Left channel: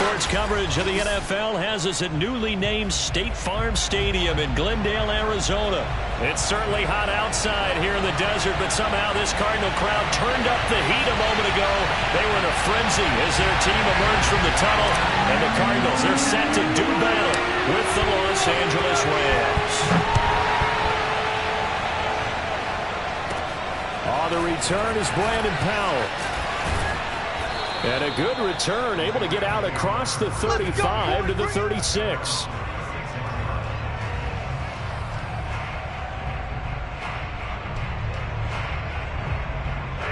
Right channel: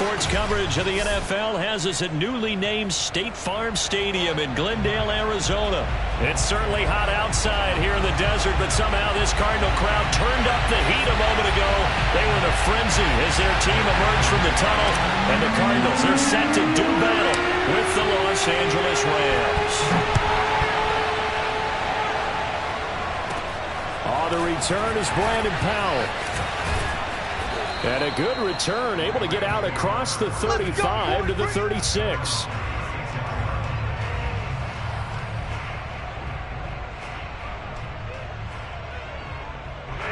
Sports coverage of the NFL has us at newly named State Farm Stadium in Glendale, Arizona. It's certainly hot outside here in the desert, but somehow this Cardinal crowd turned up the heat a moment ago. They were in a frenzy as their team emerged from the tunnel, and the Cardinals are set to do battle with the Los Angeles Rams. The return is Brandon Powell. And a good return, able to get out across the 35 to the 36.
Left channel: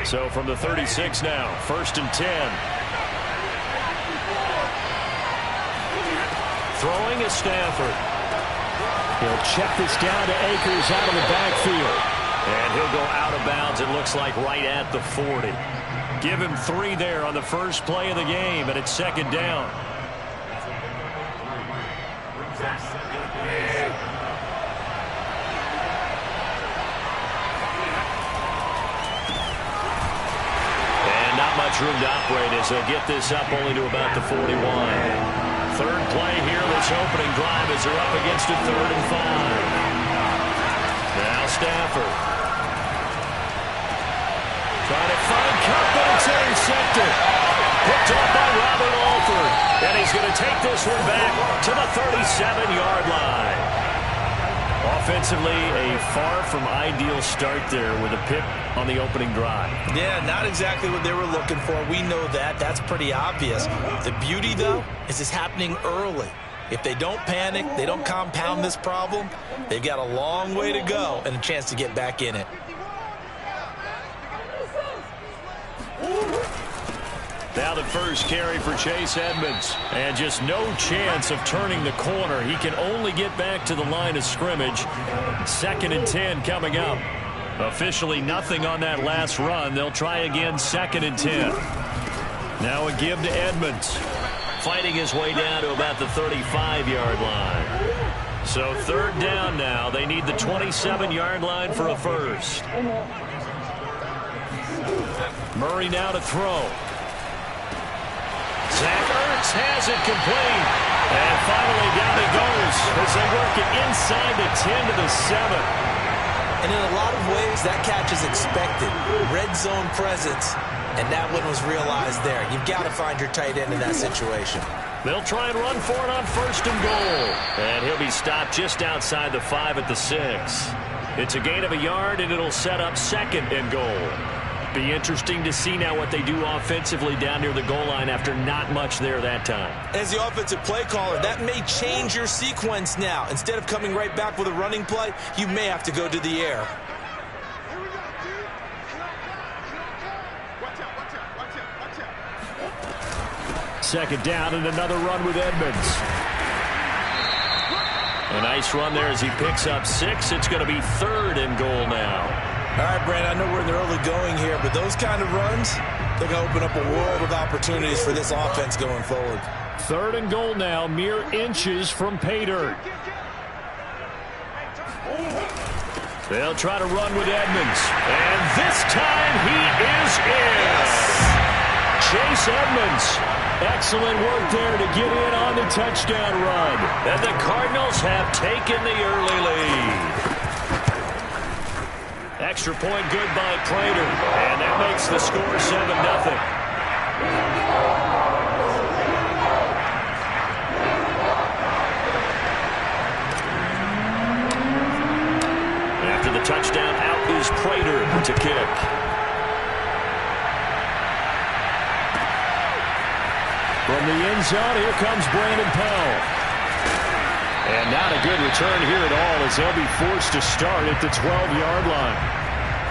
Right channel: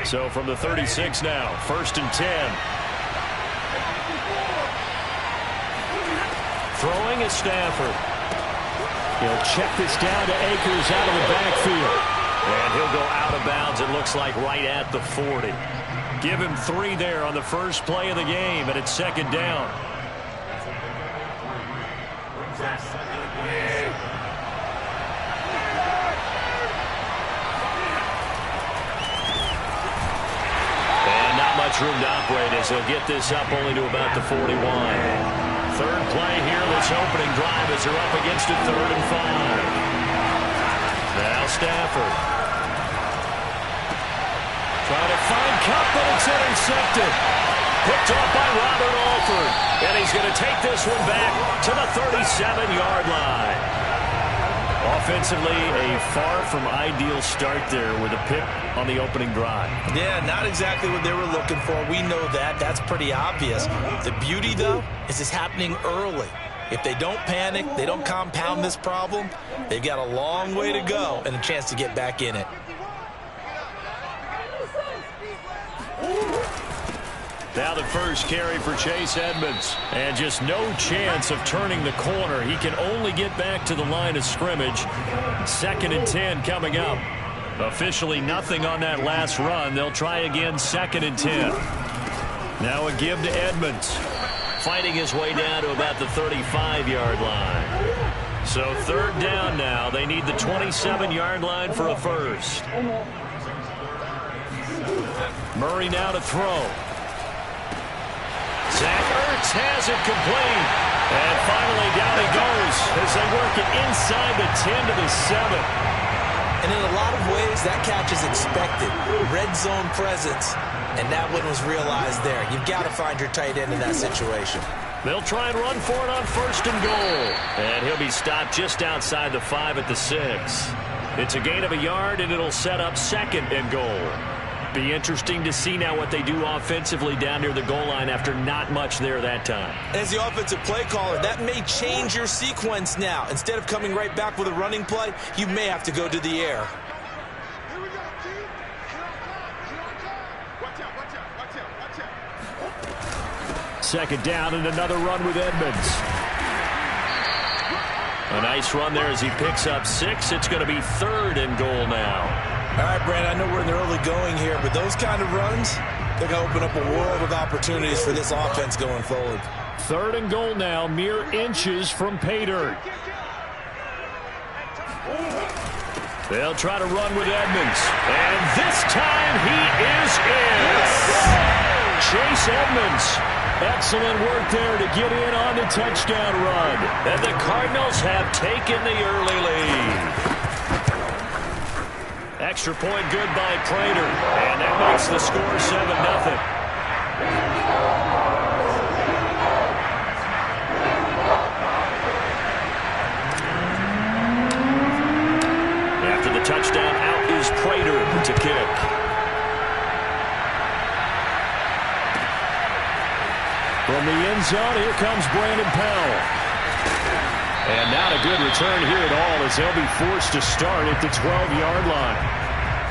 So from the 36 now, 1st and 10. Throwing is Stafford. He'll check this down to Akers out of the backfield. And he'll go out of bounds, it looks like, right at the 40. Give him 3 there on the first play of the game, and it's 2nd down. And not much room to operate as he'll get this up only to about the 41. 3rd play here, this opening drive as they're up against a 3rd and 5. Now Stafford. Trying to find Cup, but it's intercepted. Picked off by Robert Alford. And he's going to take this one back to the 37-yard line. Offensively, a far from ideal start there with a pick on the opening drive. Yeah, not exactly what they were looking for. We know that. That's pretty obvious. The beauty, though, is it's happening early. If they don't panic, they don't compound this problem, they've got a long way to go and a chance to get back in it. Now the first carry for Chase Edmonds. And just no chance of turning the corner. He can only get back to the line of scrimmage. 2nd and 10 coming up. Officially nothing on that last run. They'll try again 2nd and 10. Now a give to Edmonds. Fighting his way down to about the 35-yard line. So 3rd down now. They need the 27-yard line for a first. Murray now to throw. Zach Ertz has it complete. And finally down he goes as they work it inside the 10 to the 7. And in a lot of ways, that catch is expected. Red zone presence, and that one was realized there. You've got to find your tight end in that situation. They'll try and run for it on 1st and goal. And he'll be stopped just outside the 5 at the 6. It's a gain of a yard, and it'll set up 2nd and goal. Be interesting to see now what they do offensively down near the goal line after not much there that time. As the offensive play caller, that may change your sequence now. Instead of coming right back with a running play, you may have to go to the air. Watch out. 2nd down and another run with Edmonds. A nice run there as he picks up 6. It's going to be 3rd and goal now. All right, Brandon, I know we're in the early going here, but those kind of runs, they're going to open up a world of opportunities for this offense going forward. 3rd and goal now, mere inches from pay dirt. They'll try to run with Edmonds. And this time he is in. Chase Edmonds. Excellent work there to get in on the touchdown run. And the Cardinals have taken the early lead. Extra point good by Prater. And that makes the score 7-0. After the touchdown, out is Prater to kick. From the end zone, here comes Brandon Powell. And not a good return here at all as they'll be forced to start at the 12-yard line.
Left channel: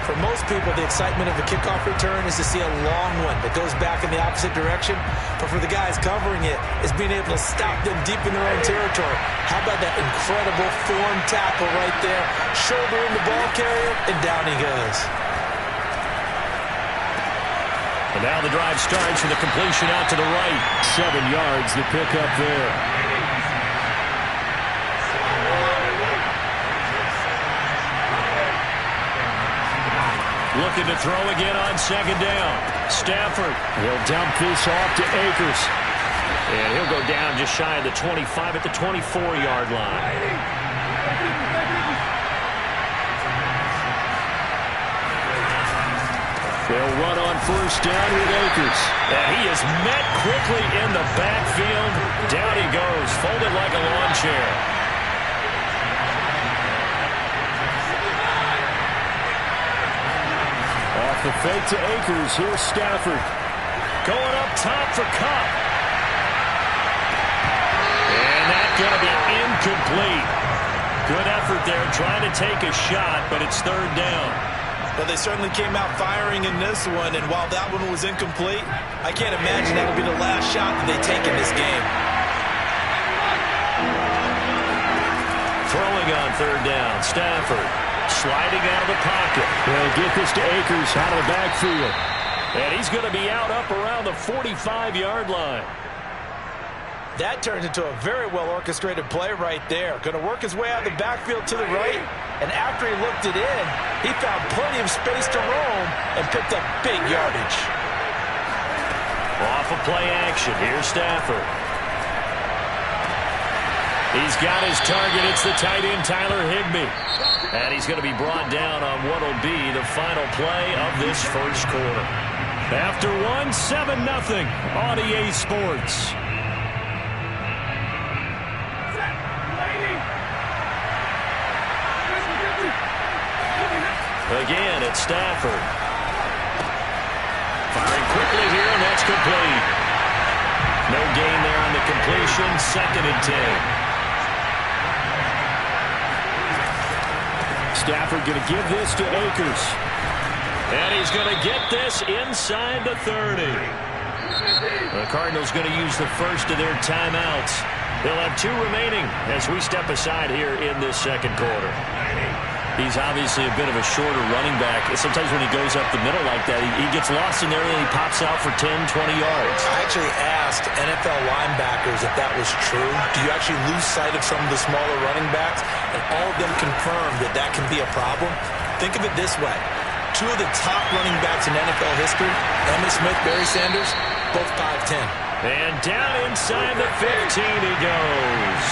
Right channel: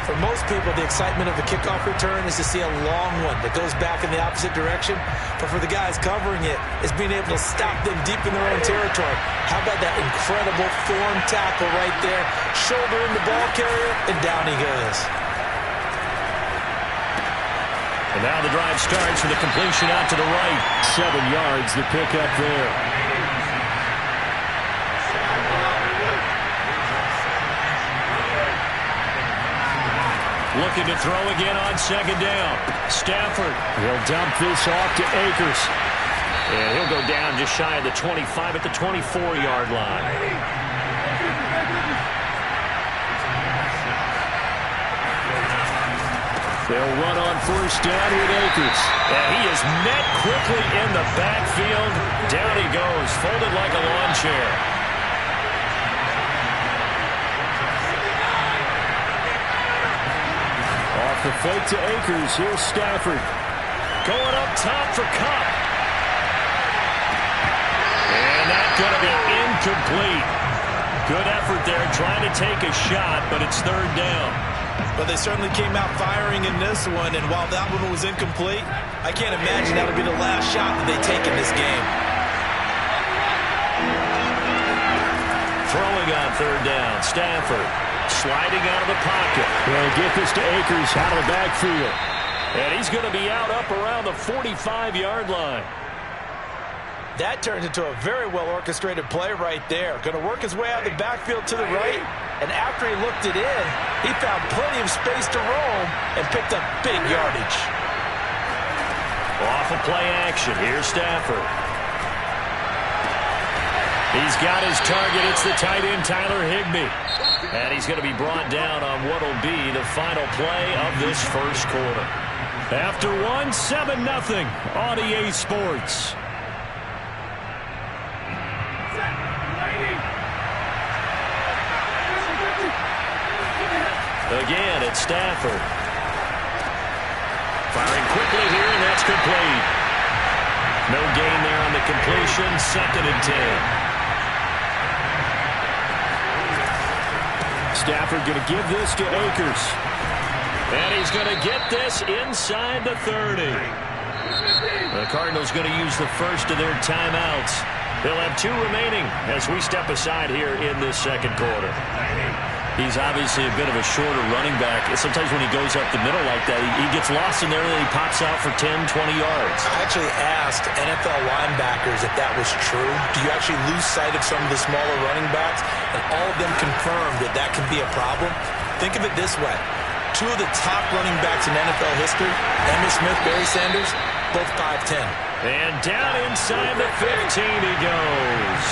For most people, the excitement of a kickoff return is to see a long one that goes back in the opposite direction. But for the guys covering it, is being able to stop them deep in their own territory. How about that incredible form tackle right there? Shoulder in the ball carrier, and down he goes. And now the drive starts with a completion out to the right. 7 yards, the pickup there. Looking to throw again on 2nd down. Stafford. He'll dump this off to Akers. And he'll go down just shy of the 25 at the 24-yard line. They'll run on first down with Akers. And he is met quickly in the backfield. Down he goes, folded like a lawn chair. Off the fake to Akers. Here's Stafford. Going up top for Kupp. And that's going to be incomplete. Good effort there trying to take a shot, but it's third down. But they certainly came out firing in this one, and while that one was incomplete, I can't imagine that'll be the last shot that they take in this game. Throwing on third down, Stafford sliding out of the pocket. He'll get this to Akers out of the backfield. And he's going to be out up around the 45-yard line. That turns into a very well-orchestrated play right there. Going to work his way out of the backfield to the right, and after he looked it in, he found plenty of space to roam and picked up big yardage. Off of play action, here's Stafford. He's got his target. It's the tight end, Tyler Higbee. And he's going to be brought down on what will be the final play of this first quarter. After one, 7-0 on EA Sports. Again, it's Stafford. Firing quickly here, and that's complete. No gain there on the completion. 2nd and 10. Stafford going to give this to Akers. And he's going to get this inside the 30. The Cardinals going to use the first of their timeouts. They'll have 2 remaining as we step aside here in this second quarter. He's obviously a bit of a shorter running back. Sometimes when he goes up the middle like that, he gets lost in there and then he pops out for 10, 20 yards. I actually asked NFL linebackers if that was true. Do you actually lose sight of some of the smaller running backs? And all of them confirmed that that can be a problem. Think of it this way. 2 of the top running backs in NFL history, Emmitt Smith, Barry Sanders, both 5'10". And down inside the 15 he goes.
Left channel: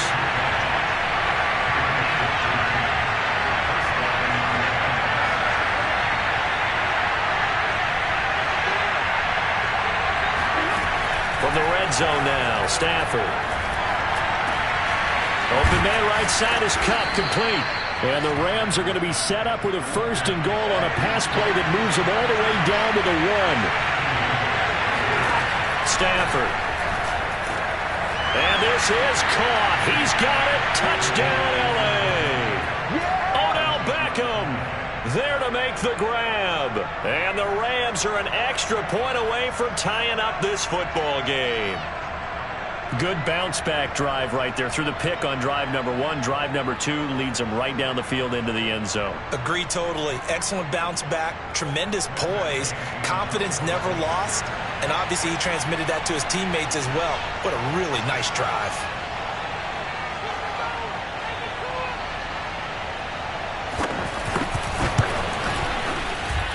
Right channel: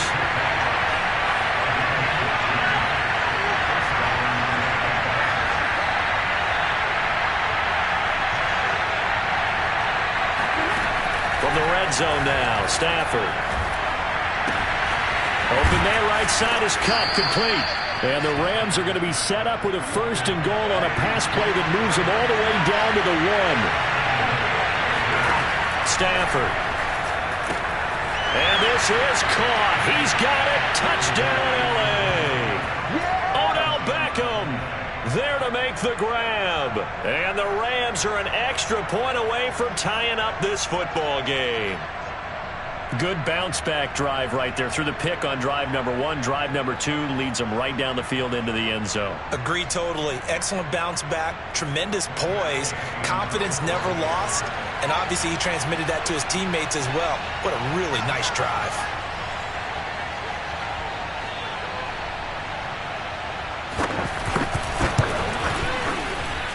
From the red zone now, Stafford. Open man right side is Kupp, complete. And the Rams are going to be set up with a 1st and goal on a pass play that moves them all the way down to the 1. Stafford. And this is caught. He's got it. Touchdown, L.A. Odell Beckham there to make the grab. And the Rams are an extra point away from tying up this football game. Good bounce-back drive right there through the pick on drive number 1. Drive number 2 leads them right down the field into the end zone. Agree totally. Excellent bounce-back, tremendous poise, confidence never lost, and obviously he transmitted that to his teammates as well. What a really nice drive.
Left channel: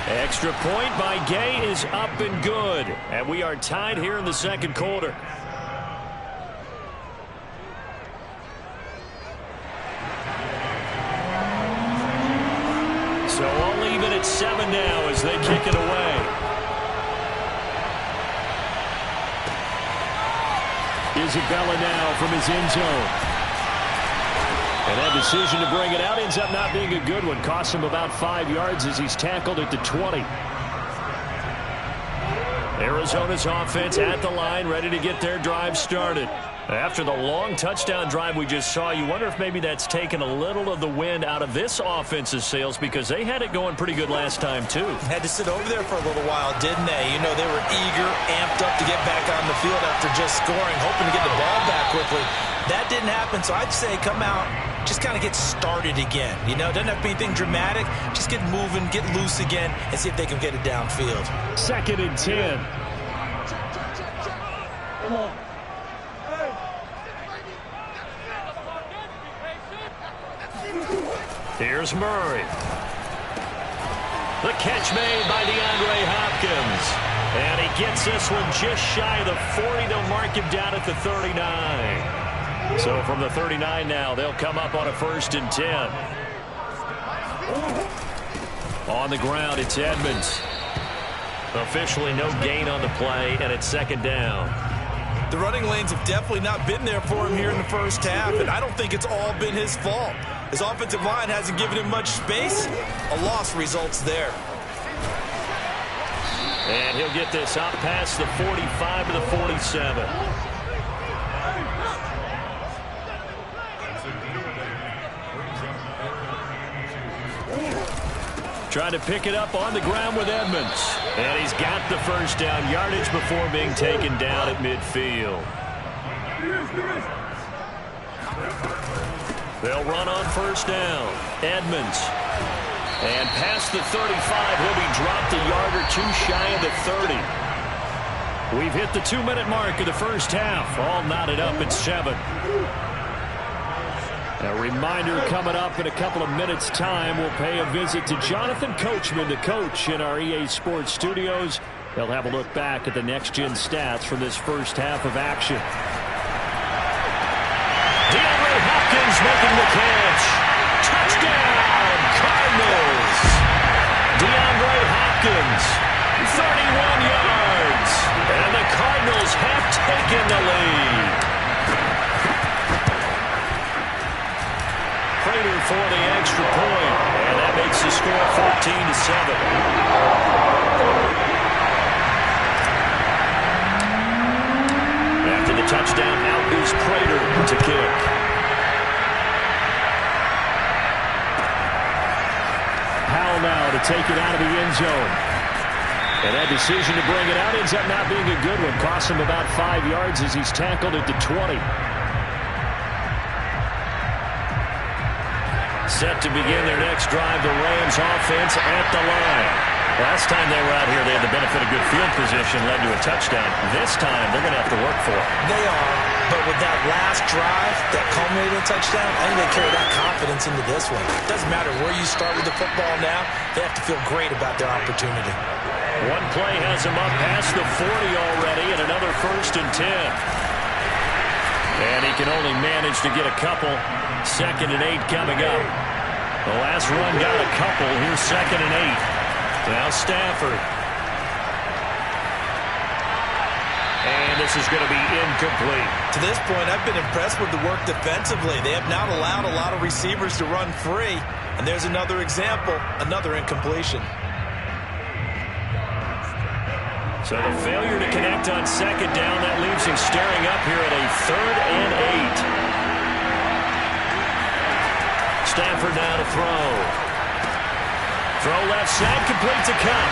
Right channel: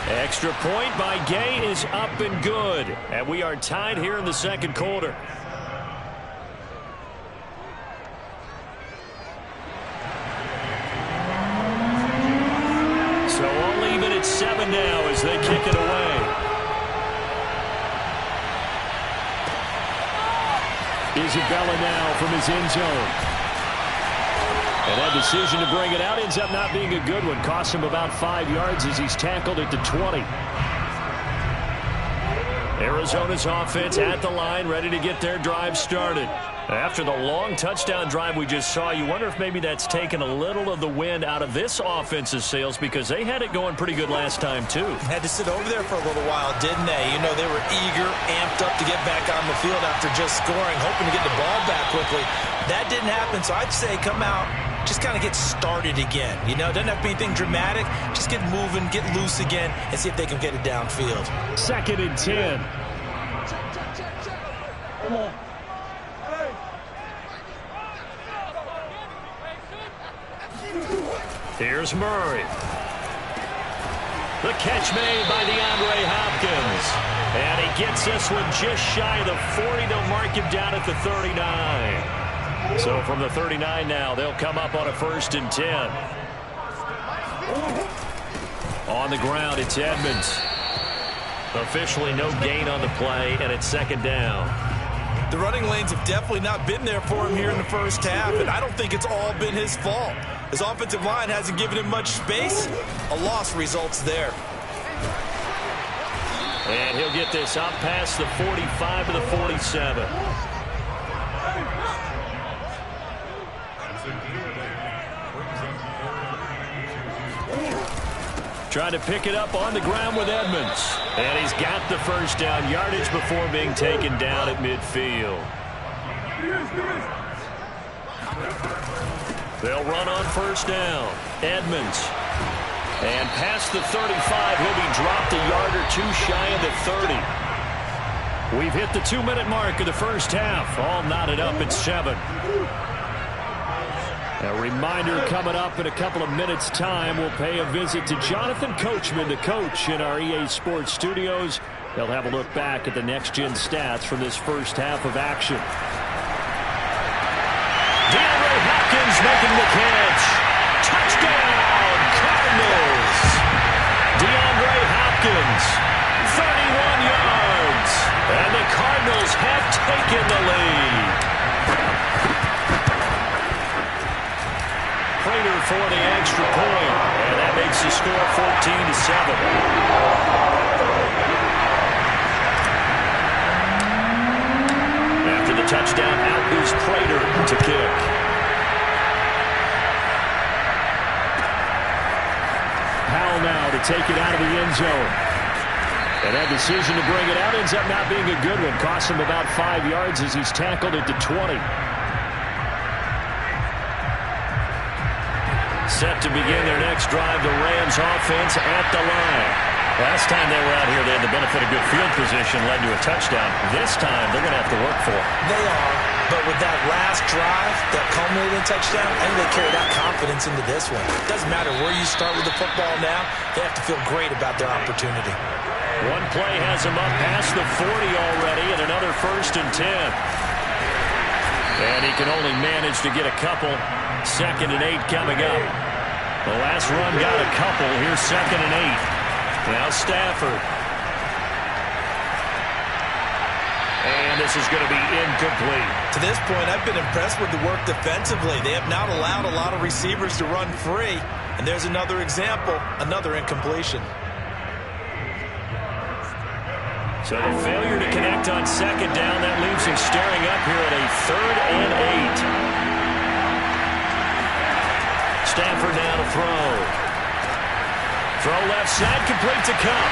Extra point by Gay is up and good. And we are tied here in the second quarter. So all even at 7 now as they kick it away. Isabella now from his end zone. And that decision to bring it out ends up not being a good one. Costs him about 5 yards as he's tackled at the 20. Arizona's offense at the line, ready to get their drive started. After the long touchdown drive we just saw, you wonder if maybe that's taken a little of the wind out of this offense's sails because they had it going pretty good last time, too. Had to sit over there for a little while, didn't they? You know, they were eager, amped up to get back on the field after just scoring, hoping to get the ball back quickly. That didn't happen, so I'd say come out, just kind of get started again. You know, doesn't have to be anything dramatic. Just get moving, get loose again, and see if they can get it downfield. 2nd and 10. Come on. Here's Murray. The catch made by DeAndre Hopkins. And he gets this one just shy of the 40. They'll mark him down at the 39. So from the 39 now, they'll come up on a 1st and 10. On the ground, it's Edmonds. Officially no gain on the play, and it's 2nd down. The running lanes have definitely not been there for him here in the first half, and I don't think it's all been his fault. His offensive line hasn't given him much space. A loss results there. And he'll get this up past the 45 to the 47. Trying to pick it up on the ground with Edmonds. And he's got the 1st down yardage before being taken down at midfield. They'll run on 1st down. Edmonds. And past the 35, he'll be dropped a yard or two shy of the 30. We've hit the 2-minute mark of the first half. All knotted up at 7. A reminder coming up in a couple of minutes' time. We'll pay a visit to Jonathan Coachman, the coach in our EA Sports studios. He'll have a look back at the next-gen stats from this first half of action. DeAndre Hopkins making the catch. Touchdown, Cardinals. DeAndre Hopkins, 31 yards. And the Cardinals have taken the lead. Prater for the extra point, and that makes the score 14-7. After the touchdown, out is Prater to kick. Powell now to take it out of the end zone. And that decision to bring it out ends up not being a good one. Costs him about 5 yards as he's tackled at the 20. Set to begin their next drive, the Rams offense at the line. Last time they were out here, they had the benefit of good field position, led to a touchdown. This time, they're going to have to work for it. They are, but with that last drive that culminated in a touchdown, I think they carry that confidence into this one. It doesn't matter where you start with the football now, they have to feel great about their opportunity. One play has them up past the 40 already, and another 1st and 10. And he can only manage to get a couple. 2nd and 8 coming up. The last run got a couple. Here's 2nd and 8. Now Stafford. And this is going to be incomplete. To this point, I've been impressed with the work defensively. They have not allowed a lot of receivers to run free. And there's another example, another incompletion. So the failure to connect on 2nd down, that leaves him staring up here at a 3rd and 8. Stafford now to throw. Throw left side, complete to Cup.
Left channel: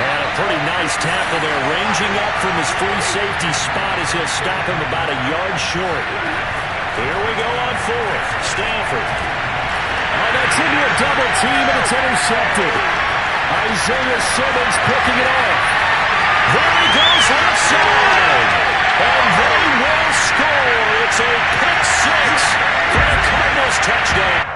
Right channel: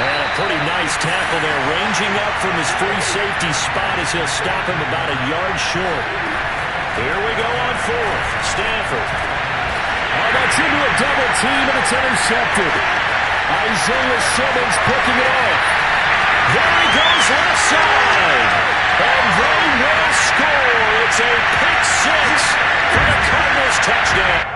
And a pretty nice tackle there, ranging up from his free safety spot as he'll stop him about a yard short. Here we go on 4th. Stafford. Oh, that's into a double team, and it's intercepted. Isaiah Simmons picking it off. There he goes left side. And they will score. It's a pick 6 for the Cardinals touchdown.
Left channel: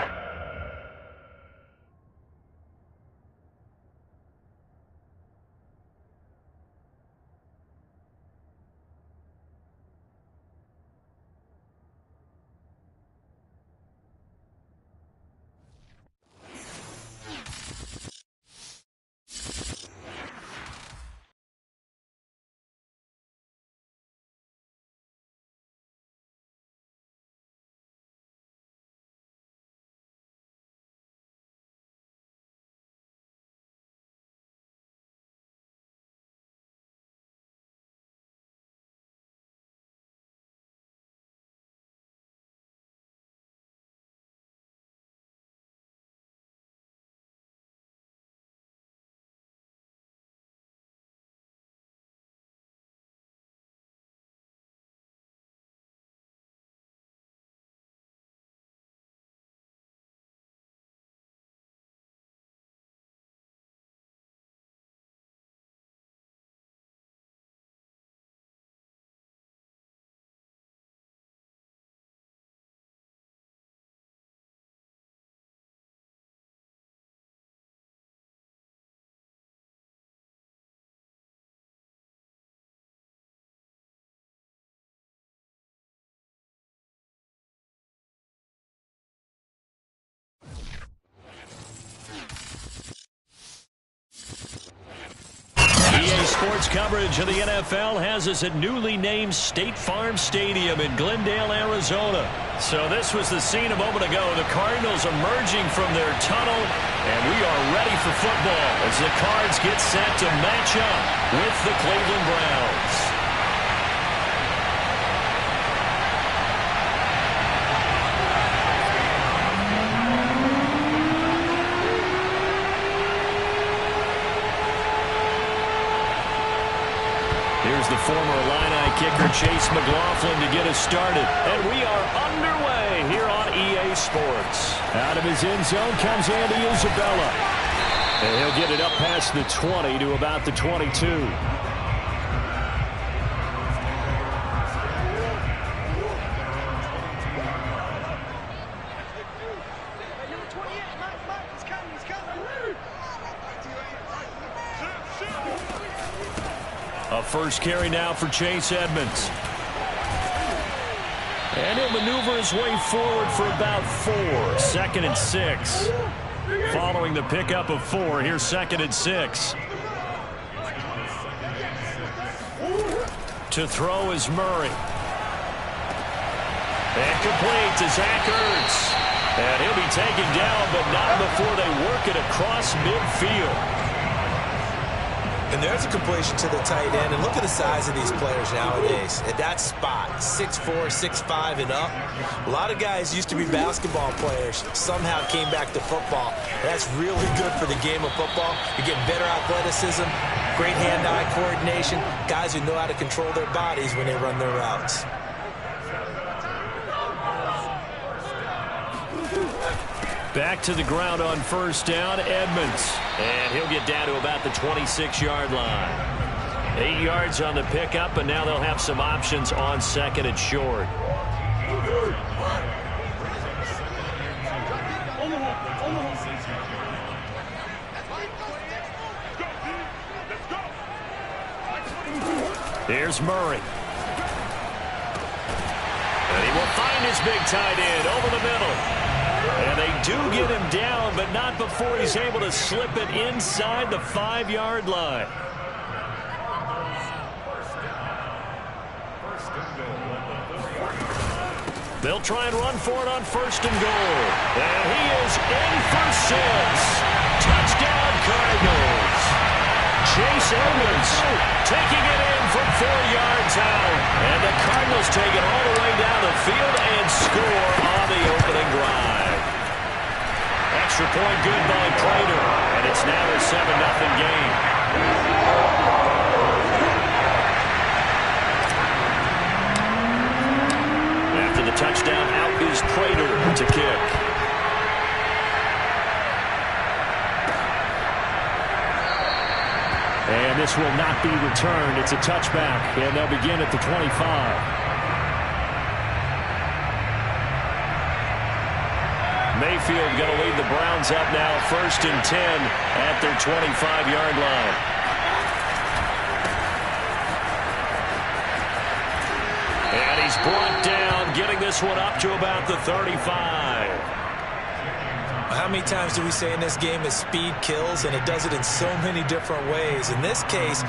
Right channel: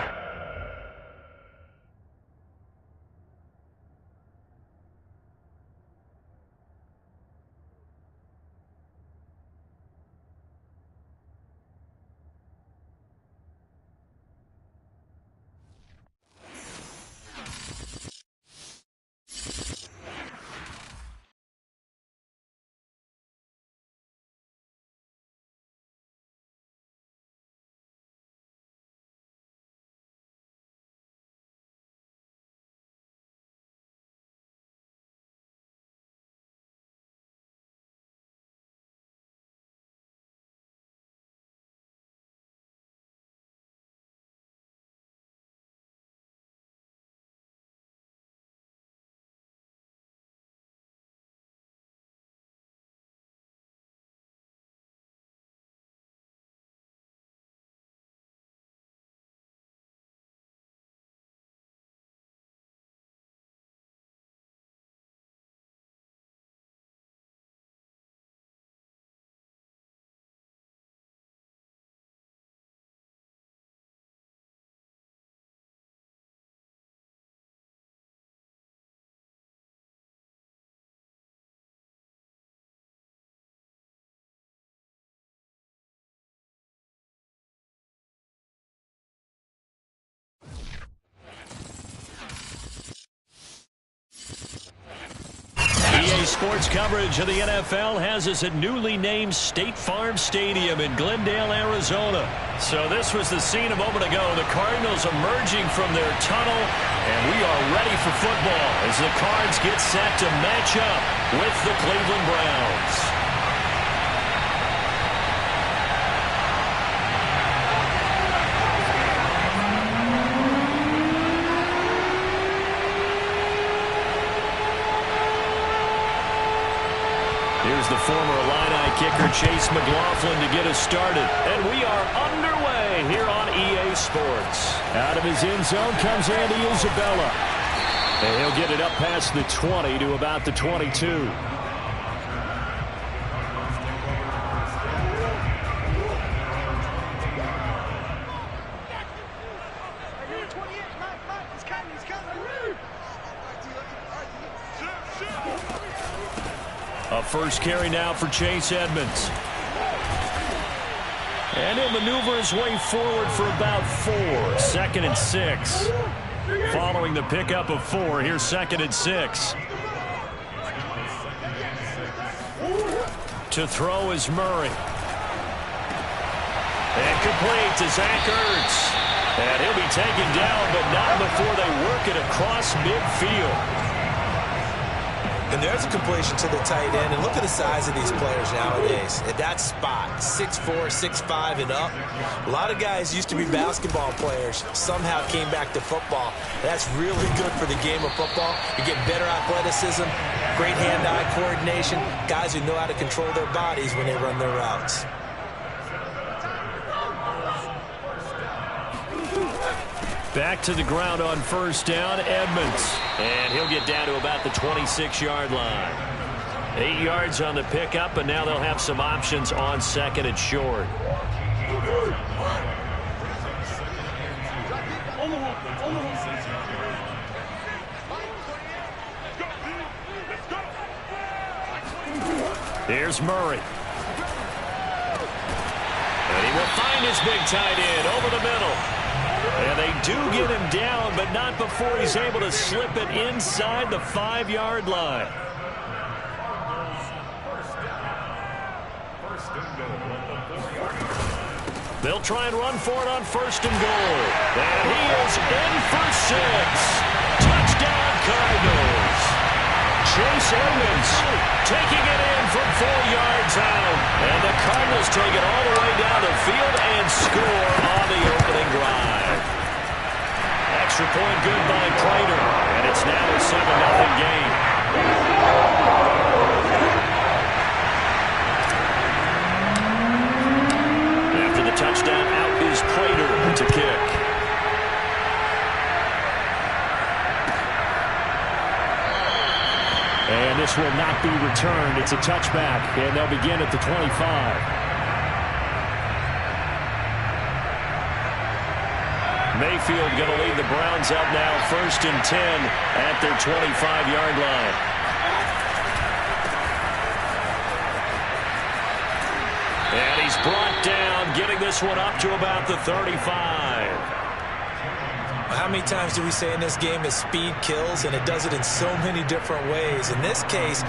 Sports coverage of the NFL has us at newly named State Farm Stadium in Glendale, Arizona. So this was the scene a moment ago. The Cardinals emerging from their tunnel, and we are ready for football as the Cards get set to match up with the Cleveland Browns. Here's the former Illini kicker Chase McLaughlin to get us started. And we are underway here on EA Sports. Out of his end zone comes Andy Isabella. And he'll get it up past the 20 to about the 22. A first carry now for Chase Edmonds. And he'll maneuver his way forward for about 4. 2nd and 6. Following the pickup of 4, here's 2nd and 6. To throw is Murray. And complete to Zach Ertz. And he'll be taken down, but not before they work it across midfield. And there's a completion to the tight end. And look at the size of these players nowadays. At that spot, 6'4", 6'5", and up. A lot of guys used to be basketball players. Somehow came back to football. That's really good for the game of football. You're getting better athleticism, great hand-eye coordination, guys who know how to control their bodies when they run their routes. Back to the ground on first down, Edmonds. And he'll get down to about the 26-yard line. 8 yards on the pickup, and now they'll have some options on 2nd and short. Here's Murray. And he will find his big tight end over the middle. And they do get him down, but not before he's able to slip it inside the 5-yard line. They'll try and run for it on 1st and goal. And he is in for 6. Touchdown, Cardinals. Chase Edmonds taking it in from 4 yards out. And the Cardinals take it all the way down the field and score on the opening drive. Extra point good by Prater. And it's now a 7-0 game. After the touchdown, out is Prater to kick. And this will not be returned. It's a touchback, and they'll begin at the 25. Mayfield going to lead the Browns up now, 1st and 10 at their 25-yard line. And he's brought down, getting this one up to about the 35. How many times do we say in this game that speed kills, and it does it in so many different ways? In this case,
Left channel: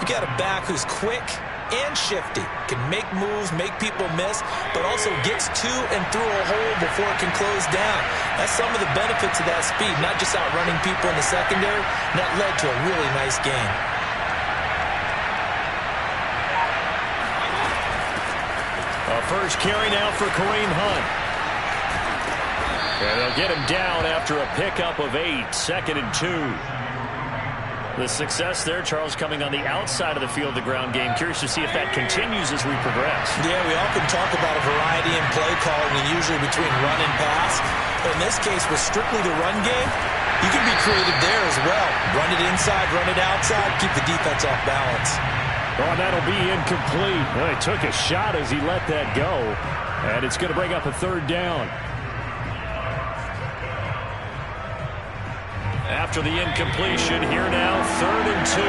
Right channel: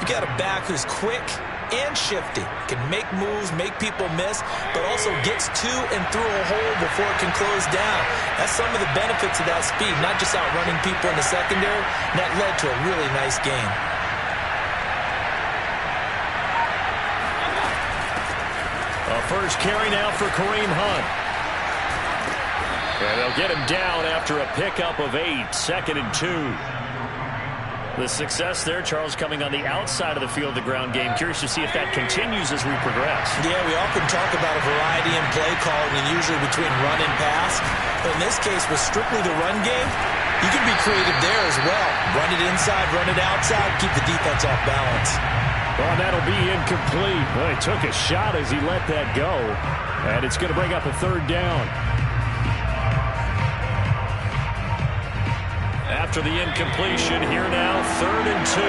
you got a back who's quick and shifty, can make moves, make people miss, but also gets to and through a hole before it can close down. That's some of the benefits of that speed, not just outrunning people in the secondary. And that led to a really nice game. A first carry now for Kareem Hunt. And they'll get him down after a pickup of 8, 2nd and 2. The success there, Charles, coming on the outside of the field, the ground game. Curious to see if that continues as we progress. Yeah, we often talk about a variety in play calling, and usually between run and pass. But in this case, with strictly the run game, you can be creative there as well. Run it inside, run it outside, keep the defense off balance. Oh, and that'll be incomplete. Well, he took a shot as he let that go. And it's going to bring up a 3rd down. After the incompletion, here now, 3rd and 2.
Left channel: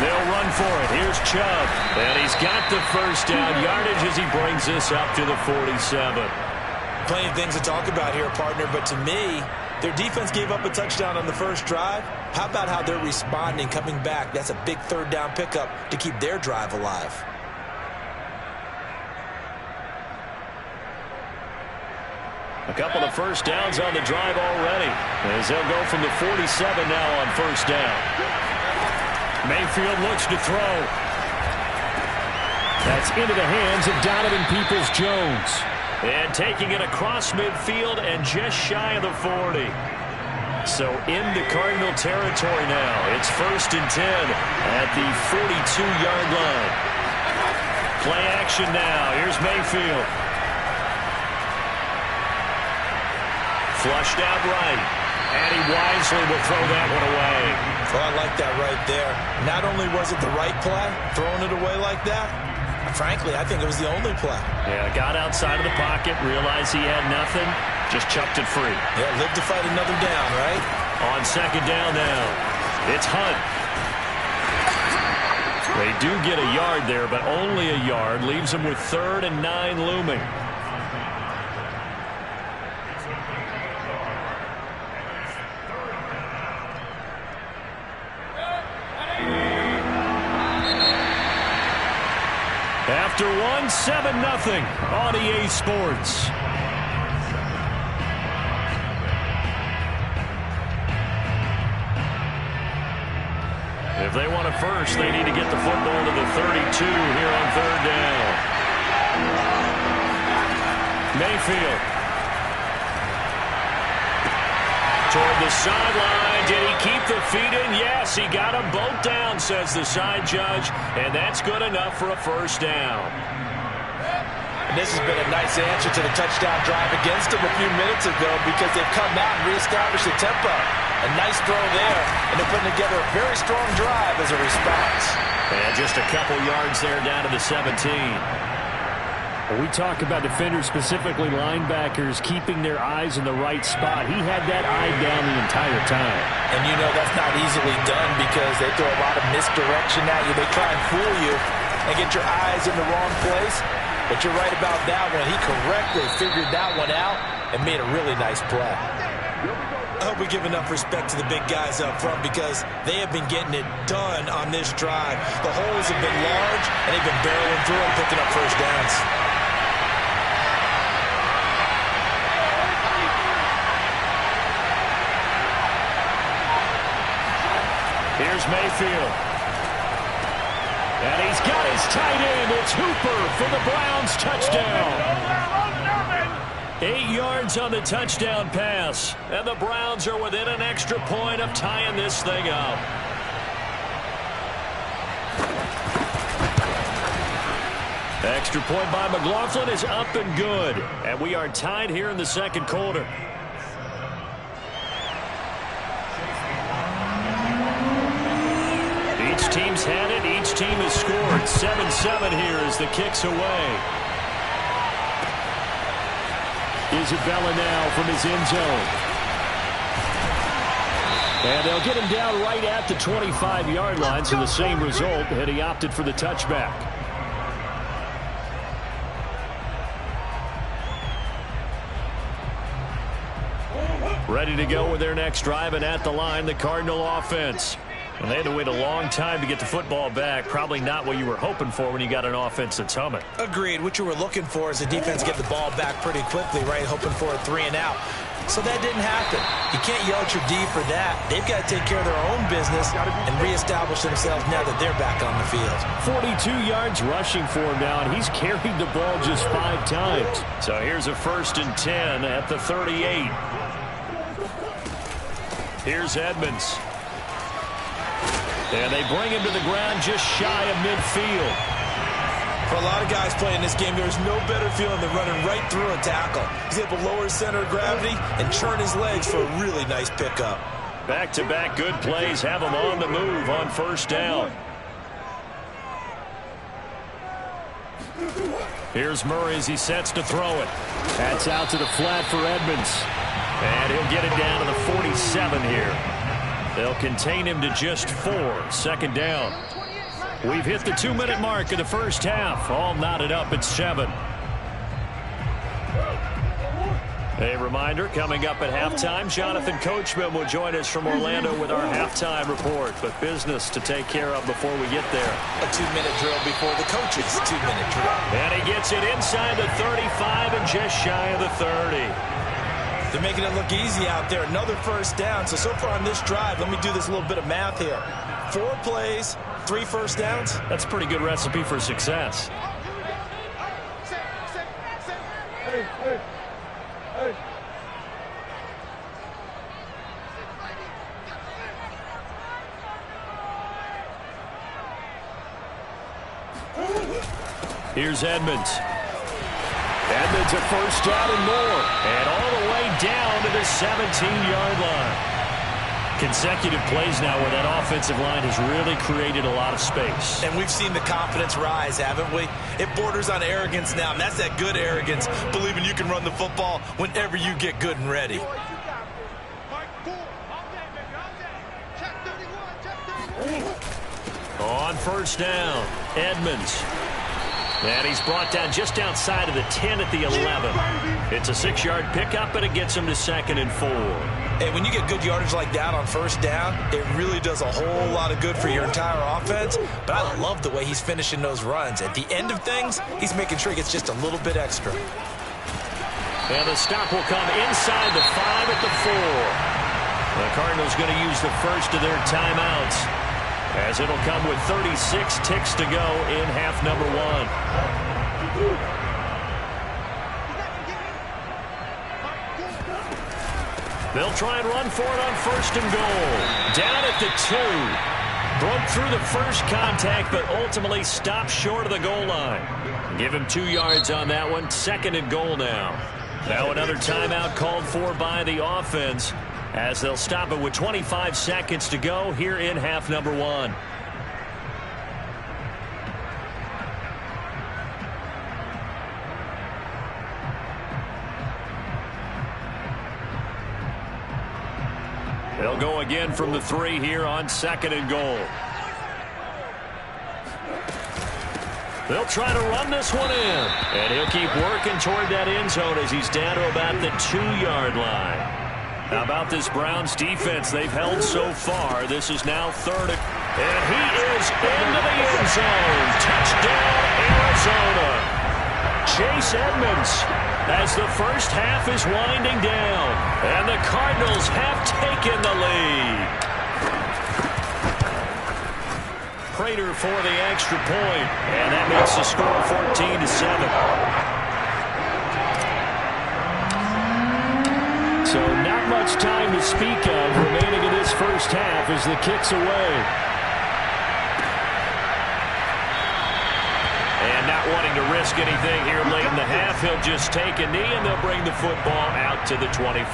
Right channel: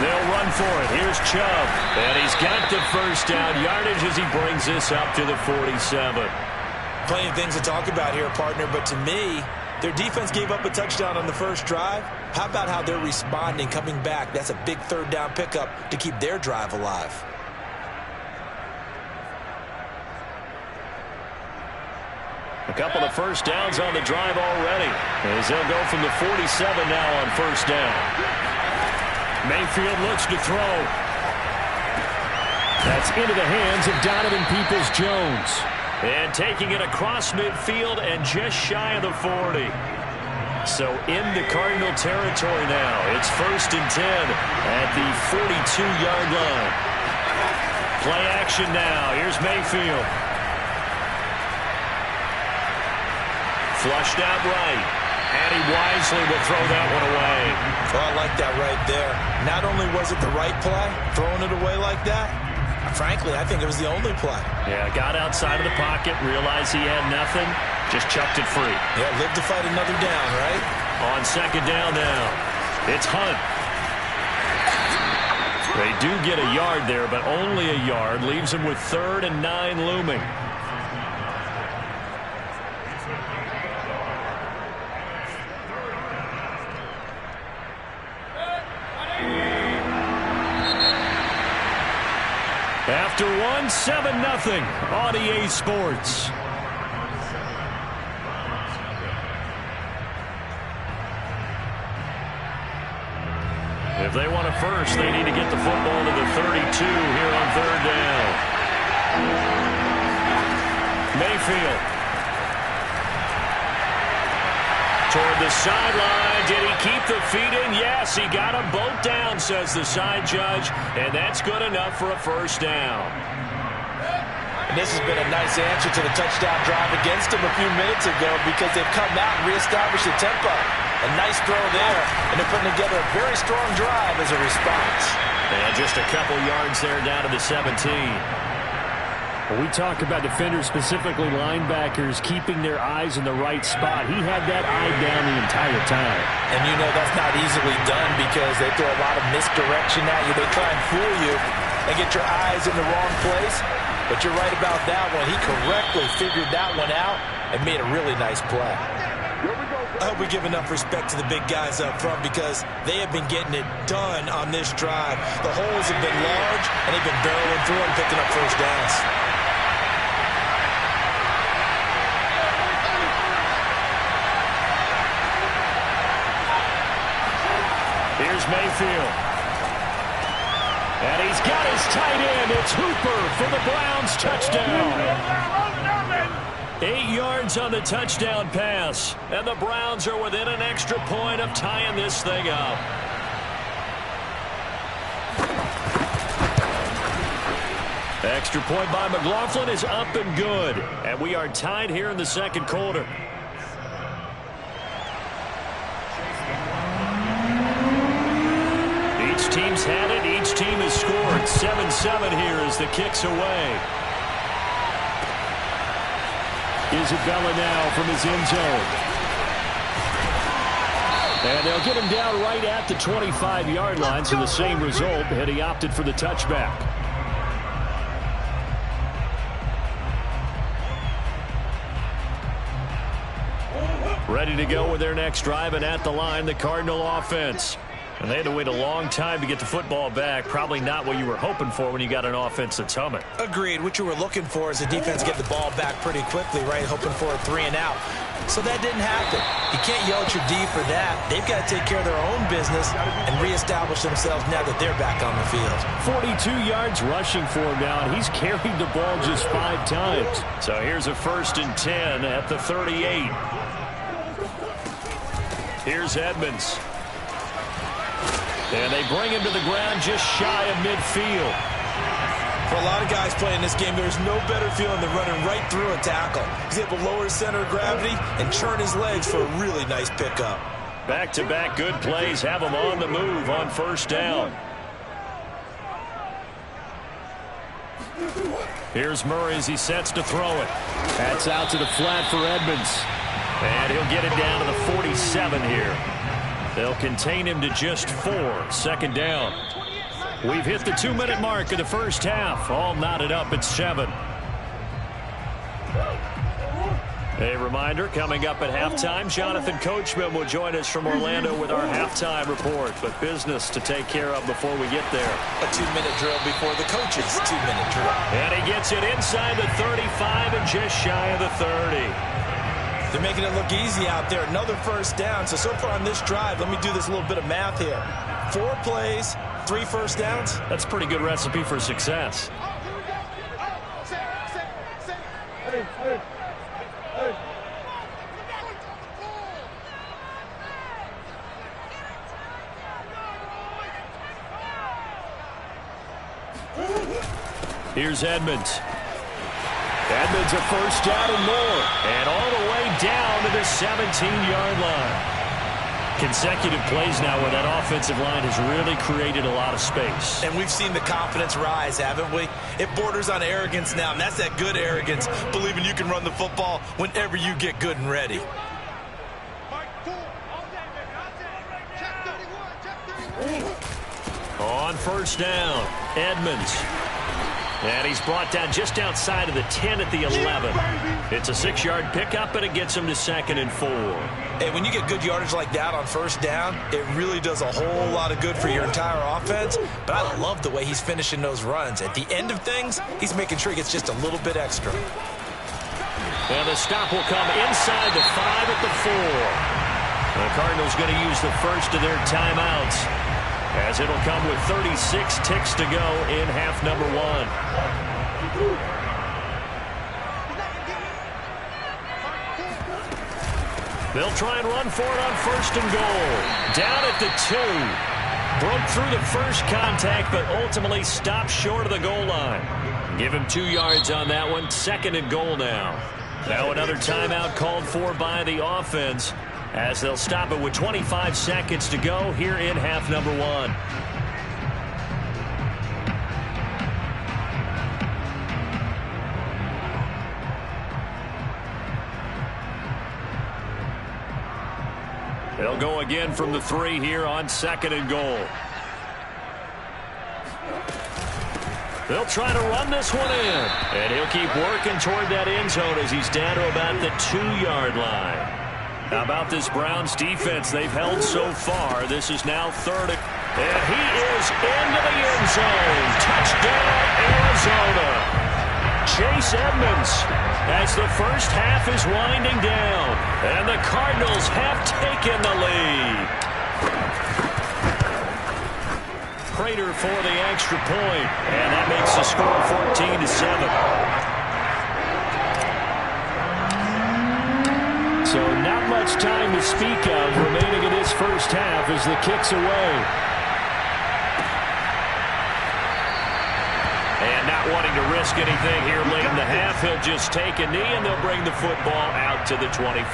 They'll run for it. Here's Chubb. And he's got the first down yardage as he brings this up to the 47. Plenty of things to talk about here, partner, but to me, Their defense gave up a touchdown on the first drive. How about how they're responding, coming back? That's a big third down pickup to keep their drive alive. A couple of first downs on the drive already, as they'll go from the 47 now on first down. Mayfield looks to throw. That's into the hands of Donovan Peoples-Jones. And taking it across midfield and just shy of the 40. So into Cardinal territory now. It's 1st and 10 at the 42-yard line. Play action now. Here's Mayfield. Flushed out right. And he wisely will throw that one away. Oh, I like that right there. Not only was it the right play, throwing it away like that, frankly, I think it was the only play. Yeah, got outside of the pocket, realized he had nothing, just chucked it free. Yeah, live to fight another down, right? On second down now, it's Hunt. They do get a yard there, but only a yard. Leaves them with 3rd and 9 looming. After one, 7-0 on EA Sports. If they want a first, they need to get the football to the 32 here on 3rd down. Mayfield. Toward the sideline. Did he keep the feet in? Yes, he got them both down, says the side judge. And that's good enough for a first down. And this has been a nice answer to the touchdown drive against them a few minutes ago because they've come out and reestablished the tempo. A nice throw there, and they're putting together a very strong drive as a response. And just a couple yards there down to the 17. When we talk about defenders, specifically linebackers, keeping their eyes in the right spot. He had that eye down the entire time. And you know that's not easily done because they throw a lot of misdirection at you. They try and fool you and get your eyes in the wrong place. But you're right about that one. He correctly figured that one out and made a really nice play. I hope we give enough respect to the big guys up front because they have been getting it done on this drive. The holes have been large, and they've been barreling through them, picking up first downs. Here's Mayfield. And he's got his tight end. It's Hooper for the Browns touchdown. 8 yards on the touchdown pass. And the Browns are within an extra point of tying this thing up. Extra point by McLaughlin is up and good. And we are tied here in the second quarter. Each team's had it. Each team has scored. 7-7 here as the kick's away. Isabella now from his end zone. And they'll get him down right at the 25-yard line, so the same result, and he opted for the touchback. Ready to go with their next drive, and at the line, the Cardinal offense. And they had to wait a long time to get the football back. Probably not what you were hoping for when you got an offense that's humming. Agreed. What you were looking for is the defense get the ball back pretty quickly, right? Hoping for a 3 and out. So that didn't happen. You can't yell at your D for that. They've got to take care of their own business and reestablish themselves now that they're back on the field. 42 yards rushing for him now, and he's carried the ball just 5 times. So here's a 1st and 10 at the 38. Here's Edmonds. And they bring him to the ground just shy of midfield. For a lot of guys playing this game, there's no better feeling than running right through a tackle. He's able to lower his center of gravity and churn his legs for a really nice pickup. Back-to-back good plays have him on the move on first down. Here's Murray as he sets to throw it. That's out to the flat for Edmonds. And he'll get it down to the 47 here. They'll contain him to just 4. 2nd down. We've hit the 2-minute mark of the first half. All knotted up at 7. A reminder, coming up at halftime, Jonathan Coachman will join us from Orlando with our halftime report. But business to take care of before we get there. A 2-minute drill before the coach's 2-minute drill. And he gets it inside the 35 and just shy of the 30. They're making it look easy out there. Another first down. So far on this drive, let me do this little bit of math here. 4 plays, 3 first downs. That's a pretty good recipe for success. Here's Edmonds. Edmonds a first down and more. And all the way down to the 17-yard line. Consecutive plays now where that offensive line has really created a lot of space. And we've seen the confidence rise, haven't we? It borders on arrogance now, and that's that good arrogance, believing you can run the football whenever you get good and ready. On first down, Edmonds. And he's brought down just outside of the 10 at the 11. It's a 6-yard pickup, and it gets him to 2nd and 4. Hey, when you get good yardage like that on first down, it really does a whole lot of good for your entire offense. But I love the way he's finishing those runs. At the end of things, he's making sure he gets just a little bit extra. And the stop will come inside the 5 at the 4. The Cardinals going to use the first of their timeouts, as it'll come with 36 ticks to go in half number 1. They'll try and run for it on 1st and goal. Down at the 2. Broke through the first contact, but ultimately stopped short of the goal line. Give him 2 yards on that one. 2nd and goal now. Now another timeout called for by the offense, as they'll stop it with 25 seconds to go here in half number 1. They'll go again from the 3 here on 2nd and goal. They'll try to run this one in, and he'll keep working toward that end zone as he's down to about the 2-yard line. How about this Browns defense they've held so far? This is now 3rd. And he is into the end zone. Touchdown, Arizona. Chase Edmonds, as the first half is winding down. And the Cardinals have taken the lead. Prater for the extra point, and that makes the score 14-7. So not much time to speak of remaining in this first half as the kick's away. And not wanting to risk anything here late in the half, he'll just take a knee, and they'll bring the football out to the 25.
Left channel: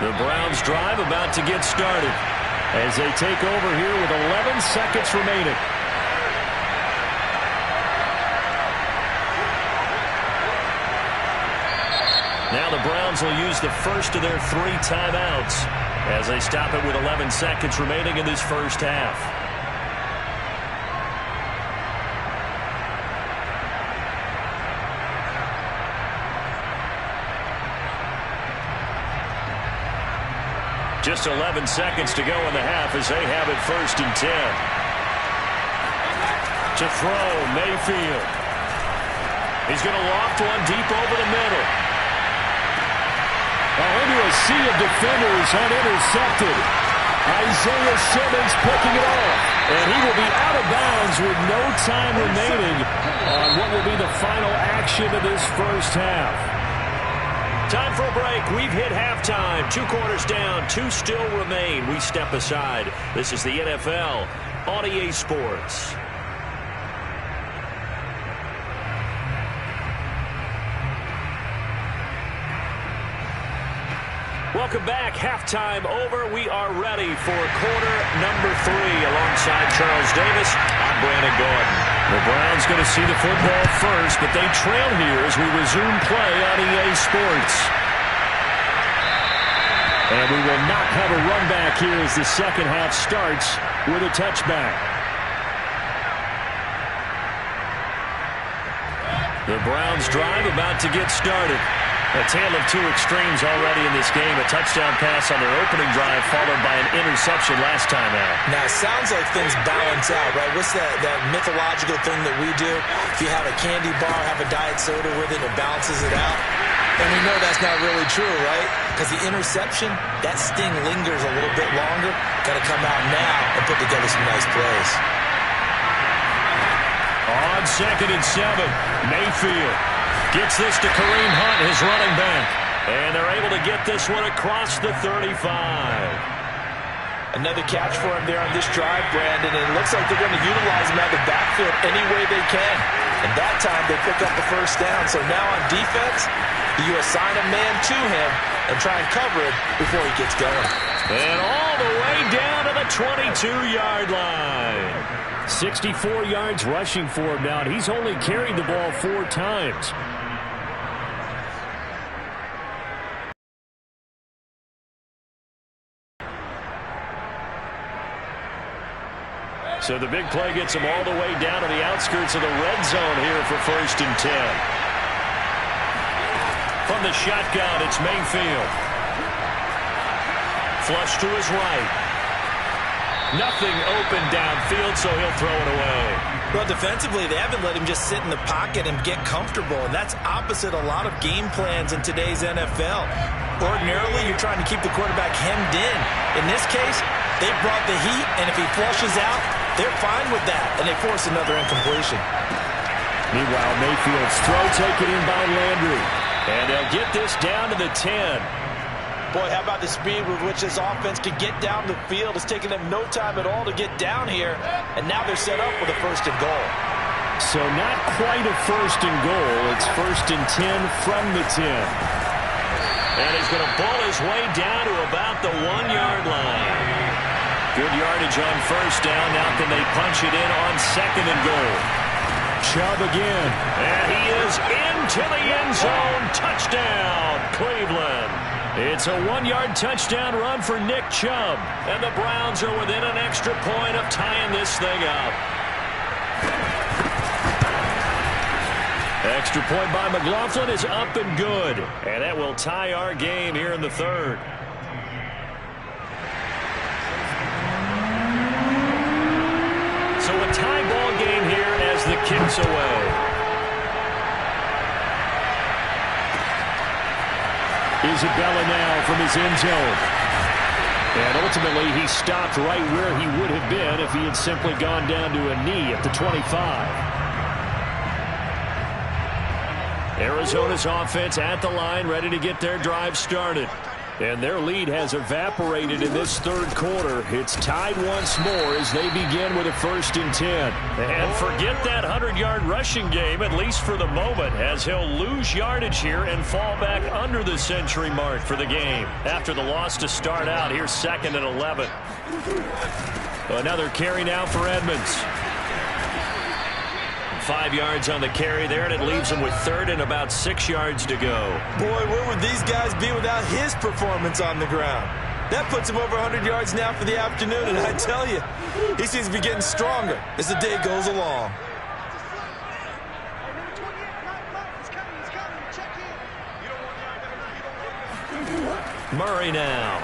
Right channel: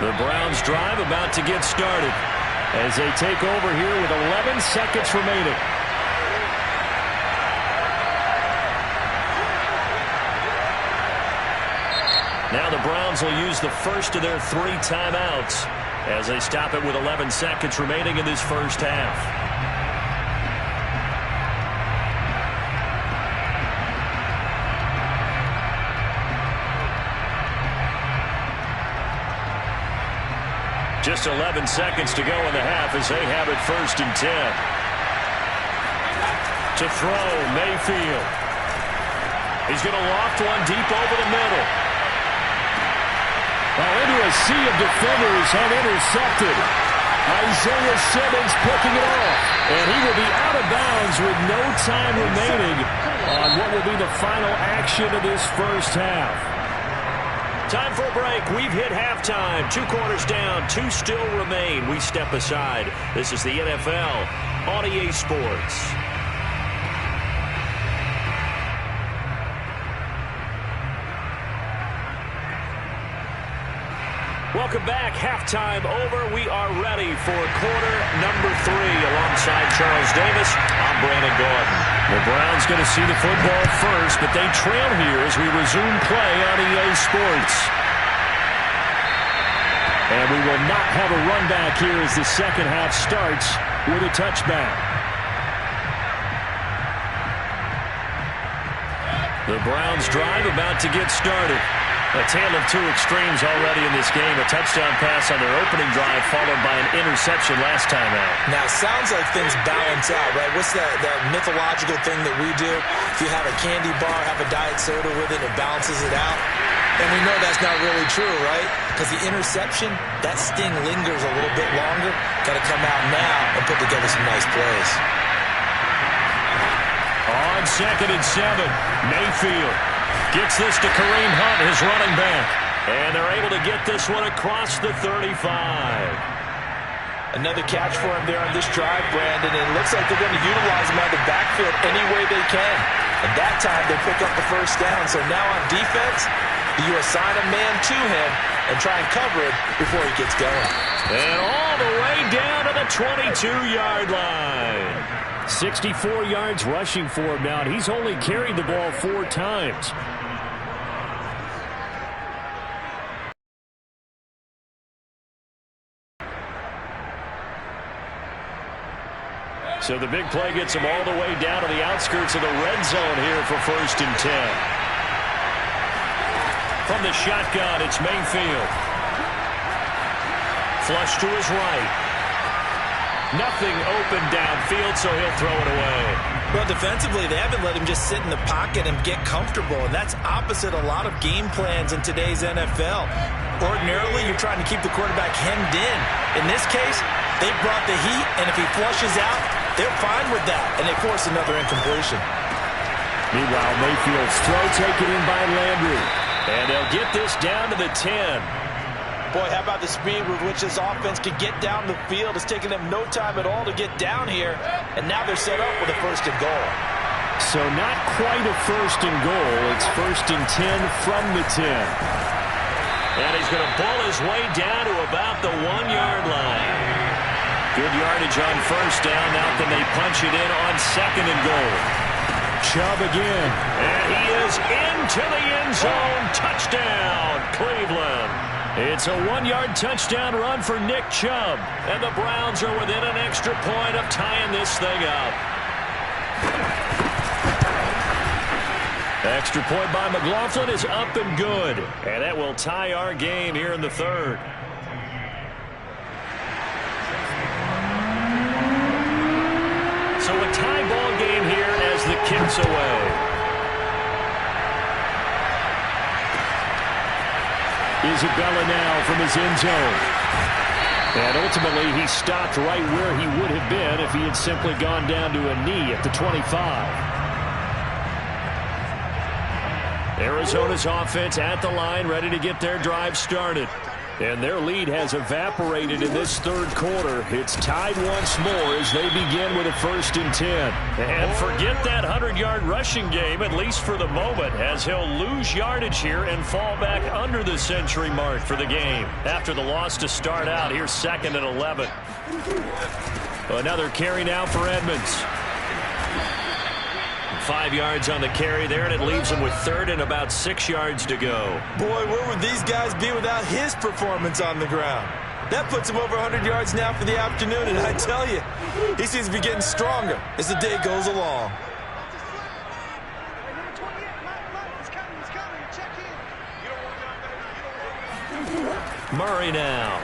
The Browns drive about to get started, as they take over here with 11 seconds remaining. Now the Browns will use the first of their 3 timeouts as they stop it with 11 seconds remaining in this first half. Just 11 seconds to go in the half as they have it 1st and 10. To throw, Mayfield. He's going to loft one deep over the middle. Into a sea of defenders, unintercepted. Isaiah Simmons picking it off. And he will be out of bounds with no time remaining on what will be the final action of this first half. Time for a break. We've hit halftime. 2 quarters down, 2 still remain. We step aside. This is the NFL on EA Sports. Welcome back. Halftime over. We are ready for quarter number 3. Alongside Charles Davis, I'm Brandon Gordon. The Browns going to see the football first, but they trail here as we resume play on EA Sports. And we will not have a run back here as the second half starts with a touchback. The Browns drive about to get started. A tale of two extremes already in this game. A touchdown pass on their opening drive followed by an interception last time out. Now, it sounds like things balance out, right? What's that mythological thing that we do? If you have a candy bar, have a diet soda with it, it balances it out. And we know that's not really true, right? Because the interception, that sting lingers a little bit longer. Got to come out now and put together some nice plays. On 2nd and 7, Mayfield gets this to Kareem Hunt, his running back. And they're able to get this one across the 35. Another catch for him there on this drive, Brandon. And it looks like they're going to utilize him out of the backfield any way they can. And that time they pick up the first down. So now on defense, you assign a man to him and try and cover it before he gets going. And all the way down to the 22-yard line. 64 yards rushing for him now, and he's only carried the ball 4 times. So the big play gets him all the way down to the outskirts of the red zone here for 1st and 10. From the shotgun, it's Mayfield. Flush to his right. Nothing open downfield, so he'll throw it away. Well, defensively, they haven't let him just sit in the pocket and get comfortable, and that's opposite a lot of game plans in today's NFL. Ordinarily, you're trying to keep the quarterback hemmed in. In this case, they brought the heat, and if he flushes out, they're fine with that, and they force another incompletion. Meanwhile, Mayfield's throw taken in by Landry, and they'll get this down to the 10. Boy, how about the speed with which this offense could get down the field? It's taken them no time at all to get down here, and now they're set up with a 1st and goal. So not quite a 1st and goal. It's 1st and 10 from the 10. And he's going to bull his way down to about the 1-yard line. Good yardage on 1st down. Now can they punch it in on 2nd and goal? Chubb again. And he is into the end zone. Touchdown, Cleveland. It's a 1-yard touchdown run for Nick Chubb. And the Browns are within an extra point of tying this thing up. Extra point by McLaughlin is up and good. And that will tie our game here in the 3rd. So a tie ball game here as the kick's away. Isabella now from his end zone. And ultimately, he stopped right where he would have been if he had simply gone down to a knee at the 25. Arizona's offense at the line, ready to get their drive started. And their lead has evaporated in this 3rd quarter. It's tied once more as they begin with a 1st and 10. And forget that 100-yard rushing game, at least for the moment, as he'll lose yardage here and fall back under the century mark for the game. After the loss to start out, here's 2nd and 11. Another carry now for Edmonds. 5 yards on the carry there, and it leaves him with 3rd and about 6 yards to go. Boy, where would these guys be without his performance on the ground? That puts him over 100 yards now for the afternoon, and I tell you, he seems to be getting stronger as the day goes along. Murray now.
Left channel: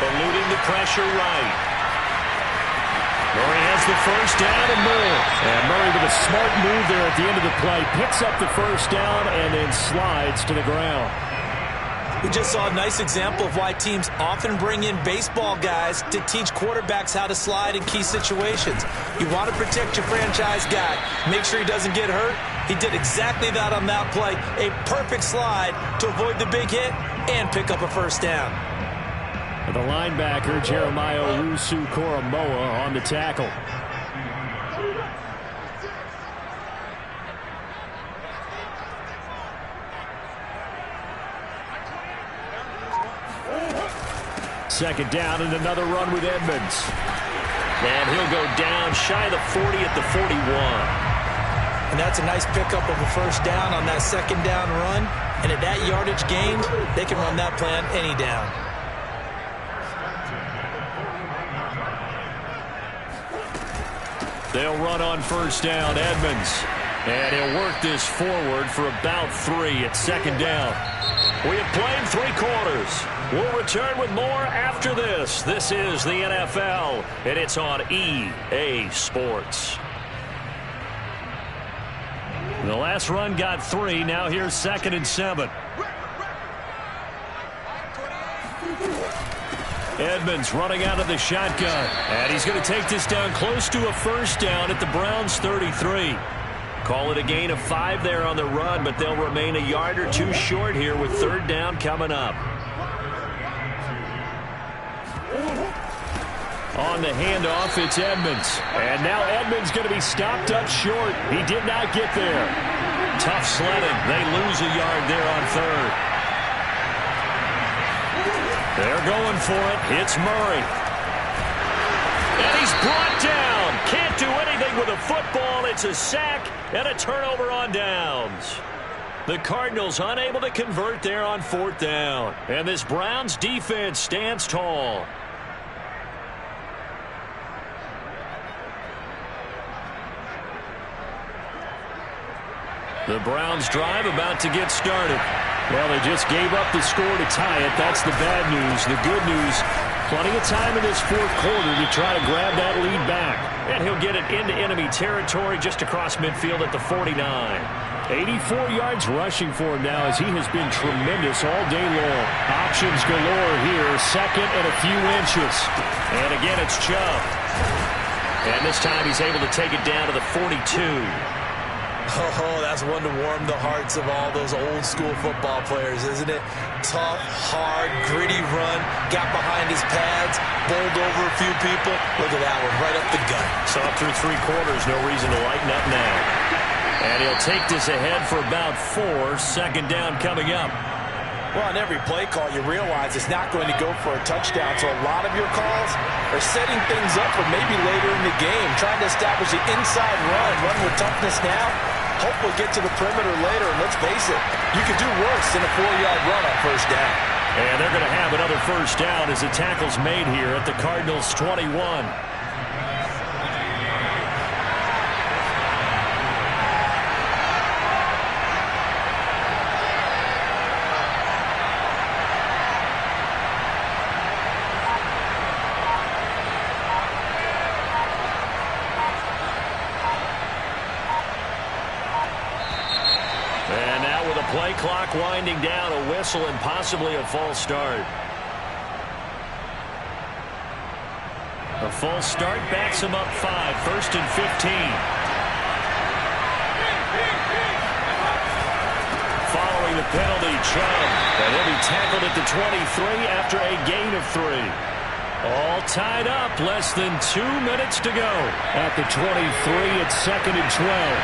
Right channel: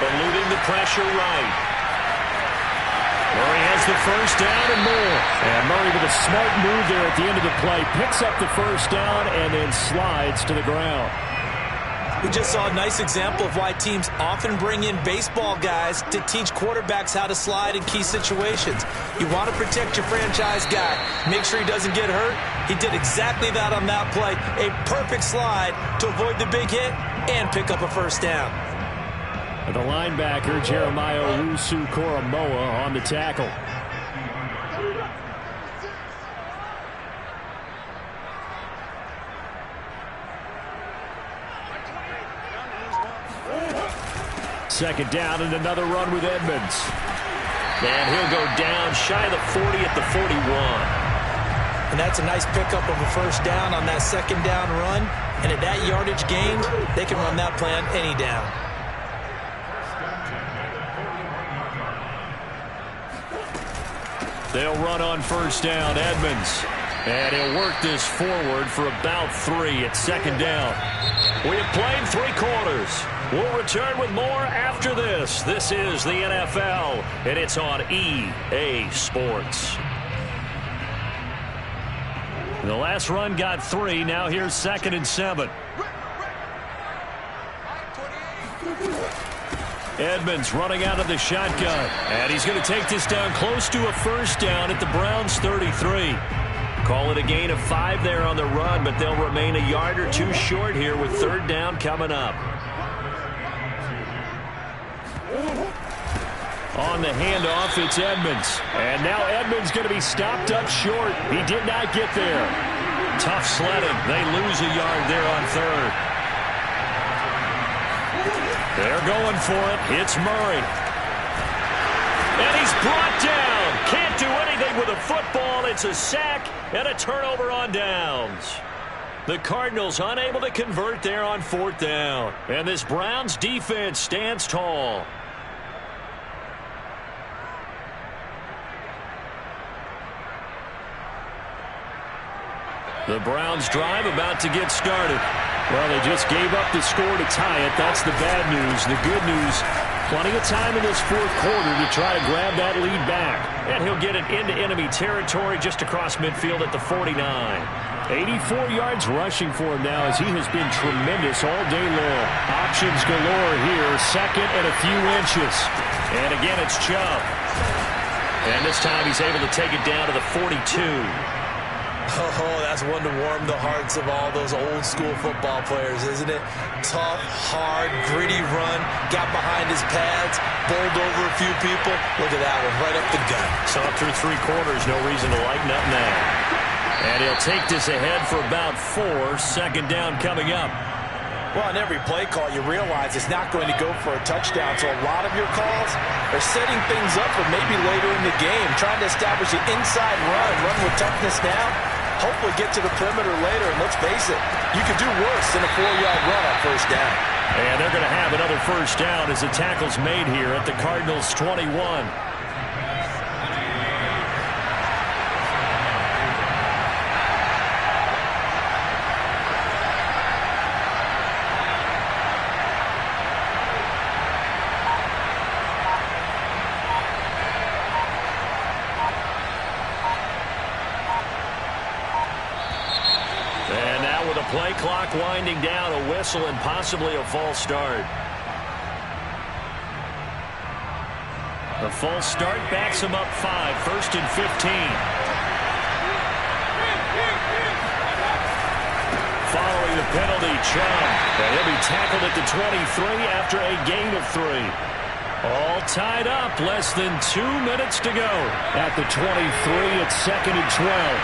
Eluding the pressure right. Murray has the 1st down and more. And Murray with a smart move there at the end of the play. Picks up the 1st down and then slides to the ground. We just saw a nice example of why teams often bring in baseball guys to teach quarterbacks how to slide in key situations. You want to protect your franchise guy. Make sure he doesn't get hurt. He did exactly that on that play. A perfect slide to avoid the big hit and pick up a 1st down. The linebacker, Jeremiah Owusu-Koramoah, on the tackle. Second down and another run with Edmonds. And he'll go down shy of the 40 at the 41. And that's a nice pickup of a 1st down on that 2nd down run. And at that yardage gained, they can run that plan any down. They'll run on first down. Edmonds. And he'll work this forward for about 3 at second down. We have played 3 quarters. We'll return with more after this. This is the NFL, and it's on EA Sports. The last run got 3. Now here's 2nd and 7. Edmonds running out of the shotgun. And he's going to take this down close to a first down at the Browns' 33. Call it a gain of 5 there on the run, but they'll remain a yard or 2 short here with 3rd down coming up. On the handoff, it's Edmonds. And now Edmonds going to be stopped up short. He did not get there. Tough sledding. They lose a yard there on 3rd. They're going for it. It's Murray. And he's brought down. Can't do anything with a football. It's a sack and a turnover on downs. The Cardinals unable to convert there on 4th down. And this Browns defense stands tall. The Browns drive about to get started. Well, they just gave up the score to tie it. That's the bad news. The good news, plenty of time in this 4th quarter to try to grab that lead back. And he'll get it into enemy territory just across midfield at the 49. 84 yards rushing for him now as he has been tremendous all day long. Options galore here. 2nd and a few inches. And again, it's Chubb. And this time he's able to take it down to the 42. Oh, that's one to warm the hearts of all those old-school football players, isn't it? Tough, hard, gritty run, got behind his pads, bowled over a few people. Look at that one, right up the gut. So up through 3 quarters, no reason to lighten up now. And he'll take this ahead for about 4, 2nd down coming up. Well, on every play call, you realize it's not going to go for a touchdown, so a lot of your calls are setting things up for maybe later in the game, trying to establish the inside run with toughness now. Hopefully get to the perimeter later, and let's face it, you could do worse than a 4-yard run on first down. And they're going to have another first down as the tackle's made here at the Cardinals' 21. Play clock winding down, a whistle and possibly a false start. A false start backs him up 5, 1st and 15. Following the penalty, Chubb. And he'll be tackled at the 23 after a gain of 3. All tied up, less than 2 minutes to go. At the 23, it's 2nd and 12.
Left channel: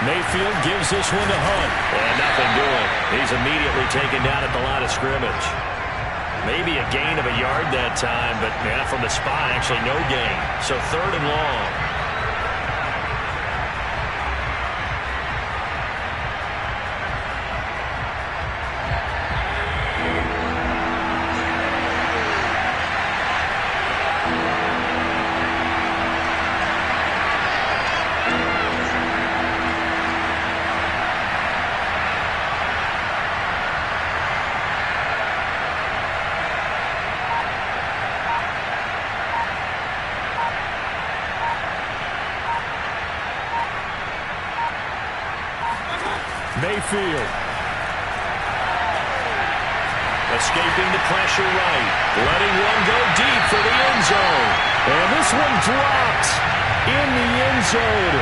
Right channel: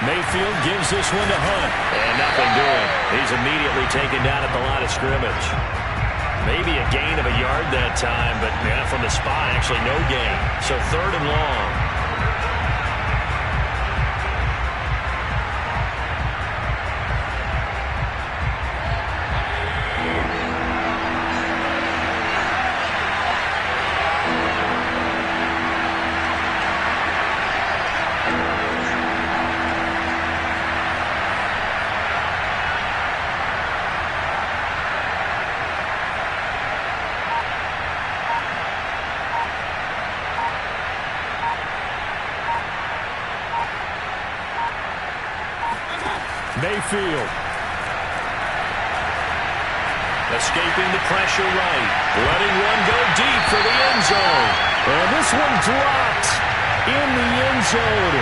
Mayfield gives this one to Hunt. And nothing doing. He's immediately taken down at the line of scrimmage. Maybe a gain of a yard that time, but yeah, from the spot, actually no gain. So 3rd and long. Mayfield. Escaping the pressure right. Letting one go deep for the end zone. And this one dropped in the end zone.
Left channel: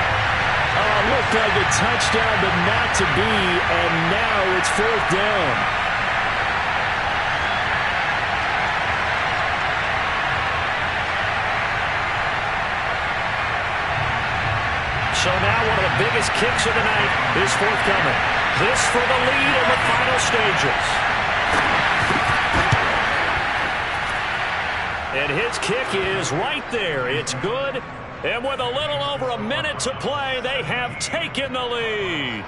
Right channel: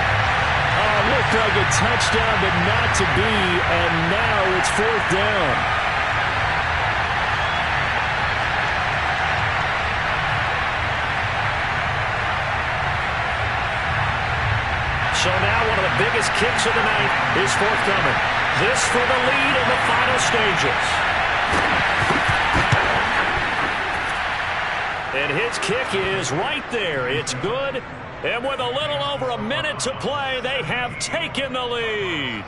Looked like a touchdown, but not to be. And now it's 4th down. So now one of the biggest kicks of the night is forthcoming. This for the lead in the final stages. And his kick is right there. It's good, And with a little over a minute to play, they have taken the lead.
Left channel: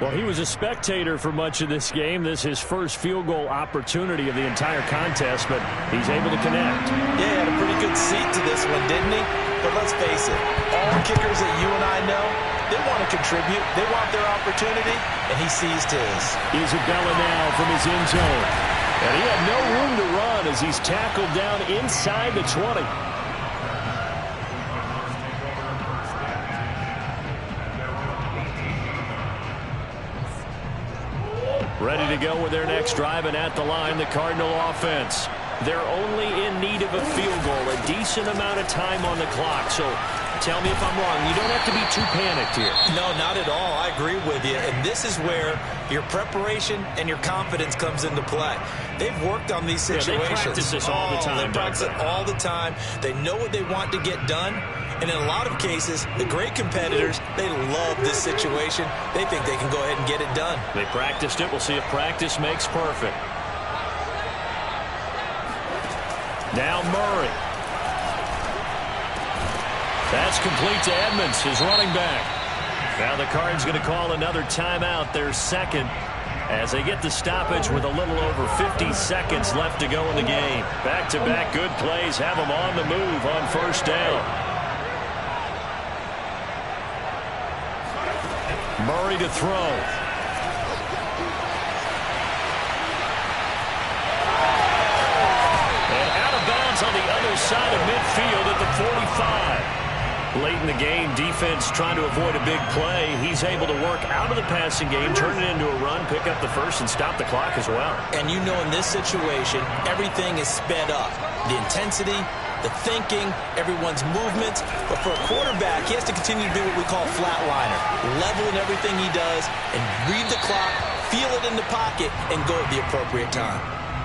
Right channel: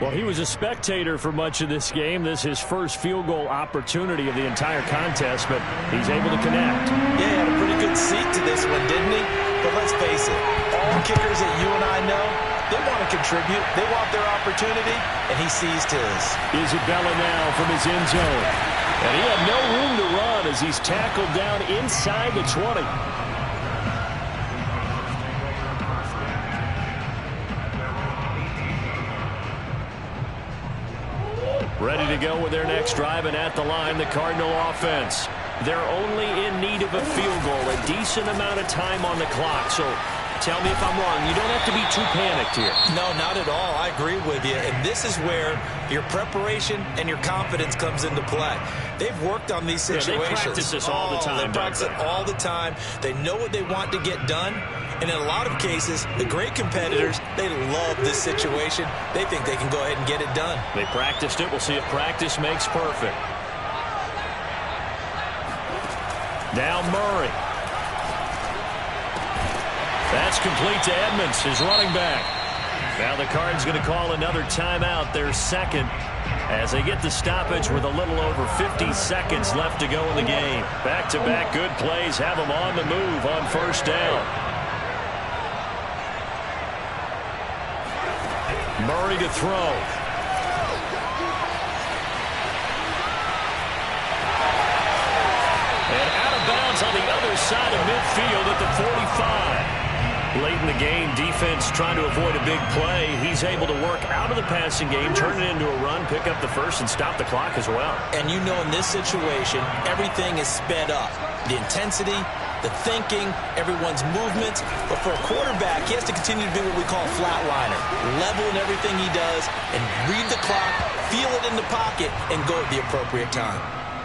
Well, he was a spectator for much of this game. This is his first field goal opportunity of the entire contest, but he's able to connect. Yeah, he had a pretty good seat to this one, didn't he? But let's face it, all kickers that you and I know, they want to contribute. They want their opportunity, and he seized his. Isabella now from his end zone. And he had no room to run as he's tackled down inside the 20. Ready to go with their next drive, and at the line, the Cardinal offense. They're only in need of a field goal, a decent amount of time on the clock. So tell me if I'm wrong. You don't have to be too panicked here. No, not at all. I agree with you. And this is where your preparation and your confidence comes into play. They've worked on these situations. Yeah, they practice this all the time. They practice it all the time. They know what they want to get done. And in a lot of cases, the great competitors, they love this situation. They think they can go ahead and get it done. They practiced it. We'll see if practice makes perfect. Now Murray. That's complete to Edmonds, his running back. Now the Cards going to call another timeout, their second, as they get the stoppage with a little over 50 seconds left to go in the game. Back-to-back good plays have them on the move on first down. Murray to throw. And out of bounds on the other side of midfield at the 45. Late in the game, defense trying to avoid a big play. He's able to work out of the passing game, turn it into a run, pick up the first, and stop the clock as well. And you know in this situation, everything is sped up. The intensity, the thinking, everyone's movements. But for a quarterback, he has to continue to be what we call a flatliner. Level in everything he does and read the clock, feel it in the pocket, and go at the appropriate time.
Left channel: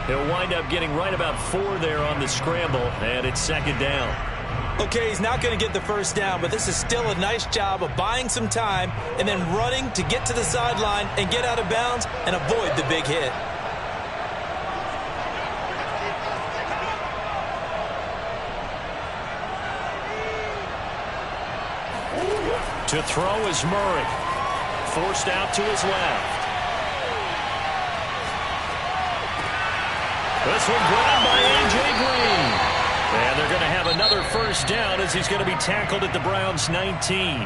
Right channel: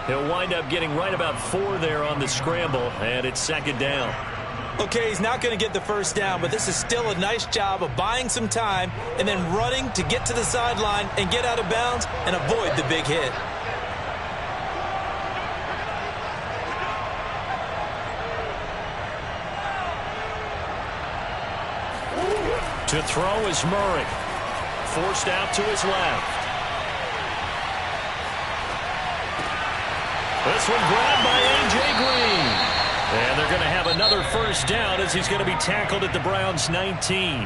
He'll wind up getting right about 4 there on the scramble, and it's second down. Okay, he's not going to get the first down, but this is still a nice job of buying some time and then running to get to the sideline and get out of bounds and avoid the big hit. To throw is Murray. Forced out to his left. This one grabbed by A.J. Green. And they're going to have another first down as he's going to be tackled at the Browns' 19.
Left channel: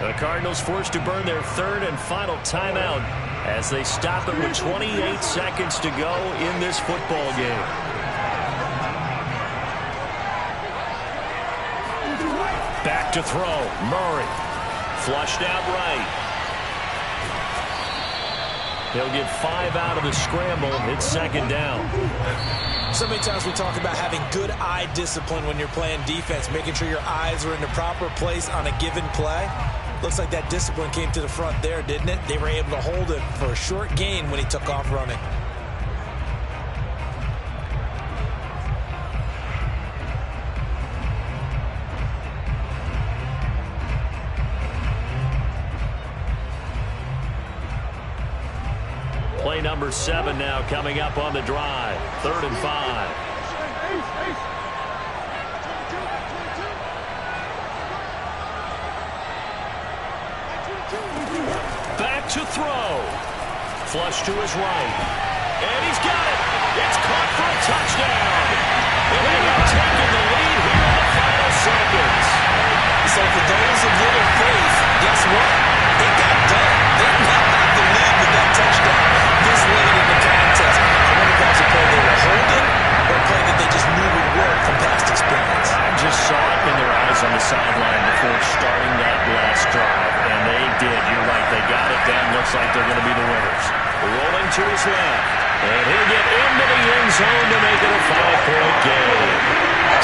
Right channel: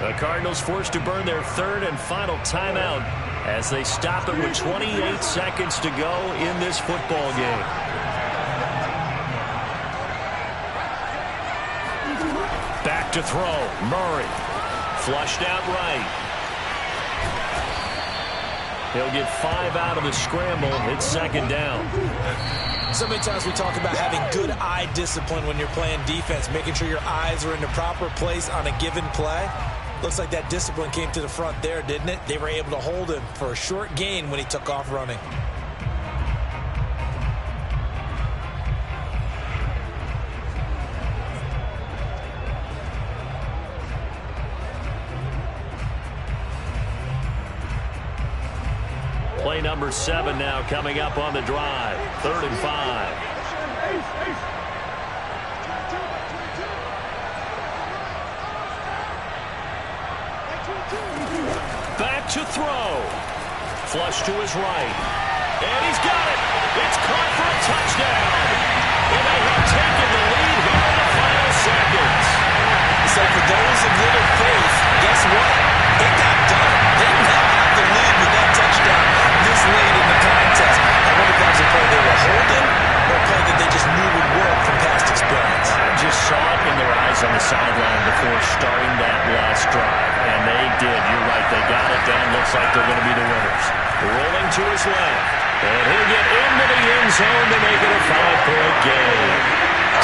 The Cardinals forced to burn their third and final timeout as they stop it with 28 seconds to go in this football game. Back to throw. Murray. Flushed out right. He'll get 5 out of the scramble. It's second down. So many times we talk about having good eye discipline when you're playing defense, making sure your eyes are in the proper place on a given play. Looks like that discipline came to the front there, didn't it? They were able to hold him for a short gain when he took off running. Play number 7 now coming up on the drive. 3rd and 5. Back to throw. Flush to his right. And he's got it. It's caught for a touchdown. And they have taken the lead here in the final seconds. So for those of little faith, guess what? It got done. They now have the lead with that touchdown this late in the contest. I wonder if that was a play they were holding or a play that they just knew would work from past experience. I just saw it in their eyes on the sideline before starting that last drive, and they did. You're right. They got it done. Looks like they're going to be the winners. Rolling to his left, and he'll get into the end zone to make it a 5-point game.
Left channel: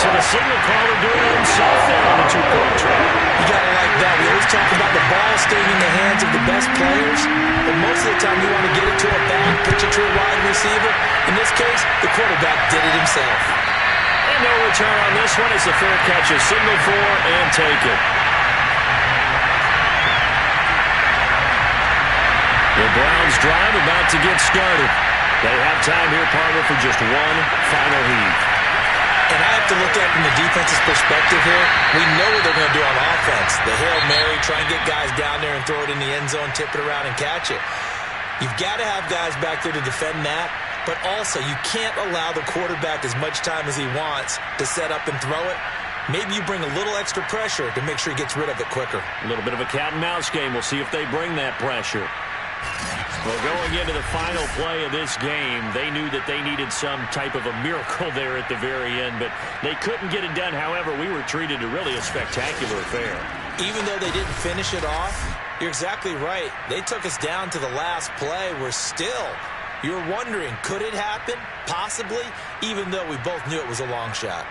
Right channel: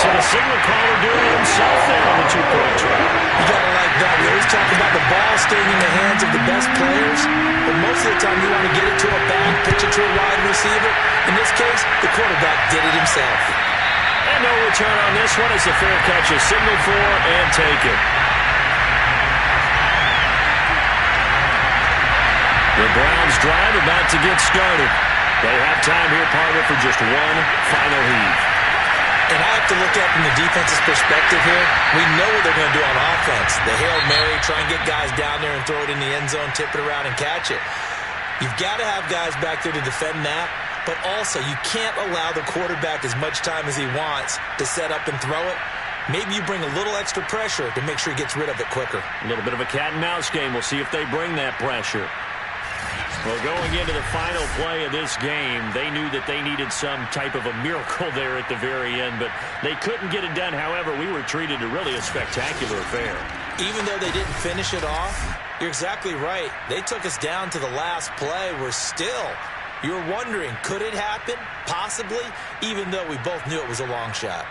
So the signal caller doing it himself there on the 2-point try. You got to like that. We always talk about the ball staying in the hands of the best players, but most of the time you want to get it to a back, pitch it to a wide receiver. In this case, the quarterback did it himself. And no return on this one as the fair catch is signaled for and taken. The Browns drive about to get started. They have time here, partner, for just one final heave. And I have to look at it from the defense's perspective here. We know what they're going to do on offense. The Hail Mary, try and get guys down there and throw it in the end zone, tip it around and catch it. You've got to have guys back there to defend that, but also you can't allow the quarterback as much time as he wants to set up and throw it. Maybe you bring a little extra pressure to make sure he gets rid of it quicker. A little bit of a cat and mouse game. We'll see if they bring that pressure. Well, going into the final play of this game, they knew that they needed some type of a miracle there at the very end, but they couldn't get it done. However, we were treated to really a spectacular affair. Even though they didn't finish it off, you're exactly right. They took us down to the last play. We're still, you're wondering, could it happen? Possibly, even though we both knew it was a long shot.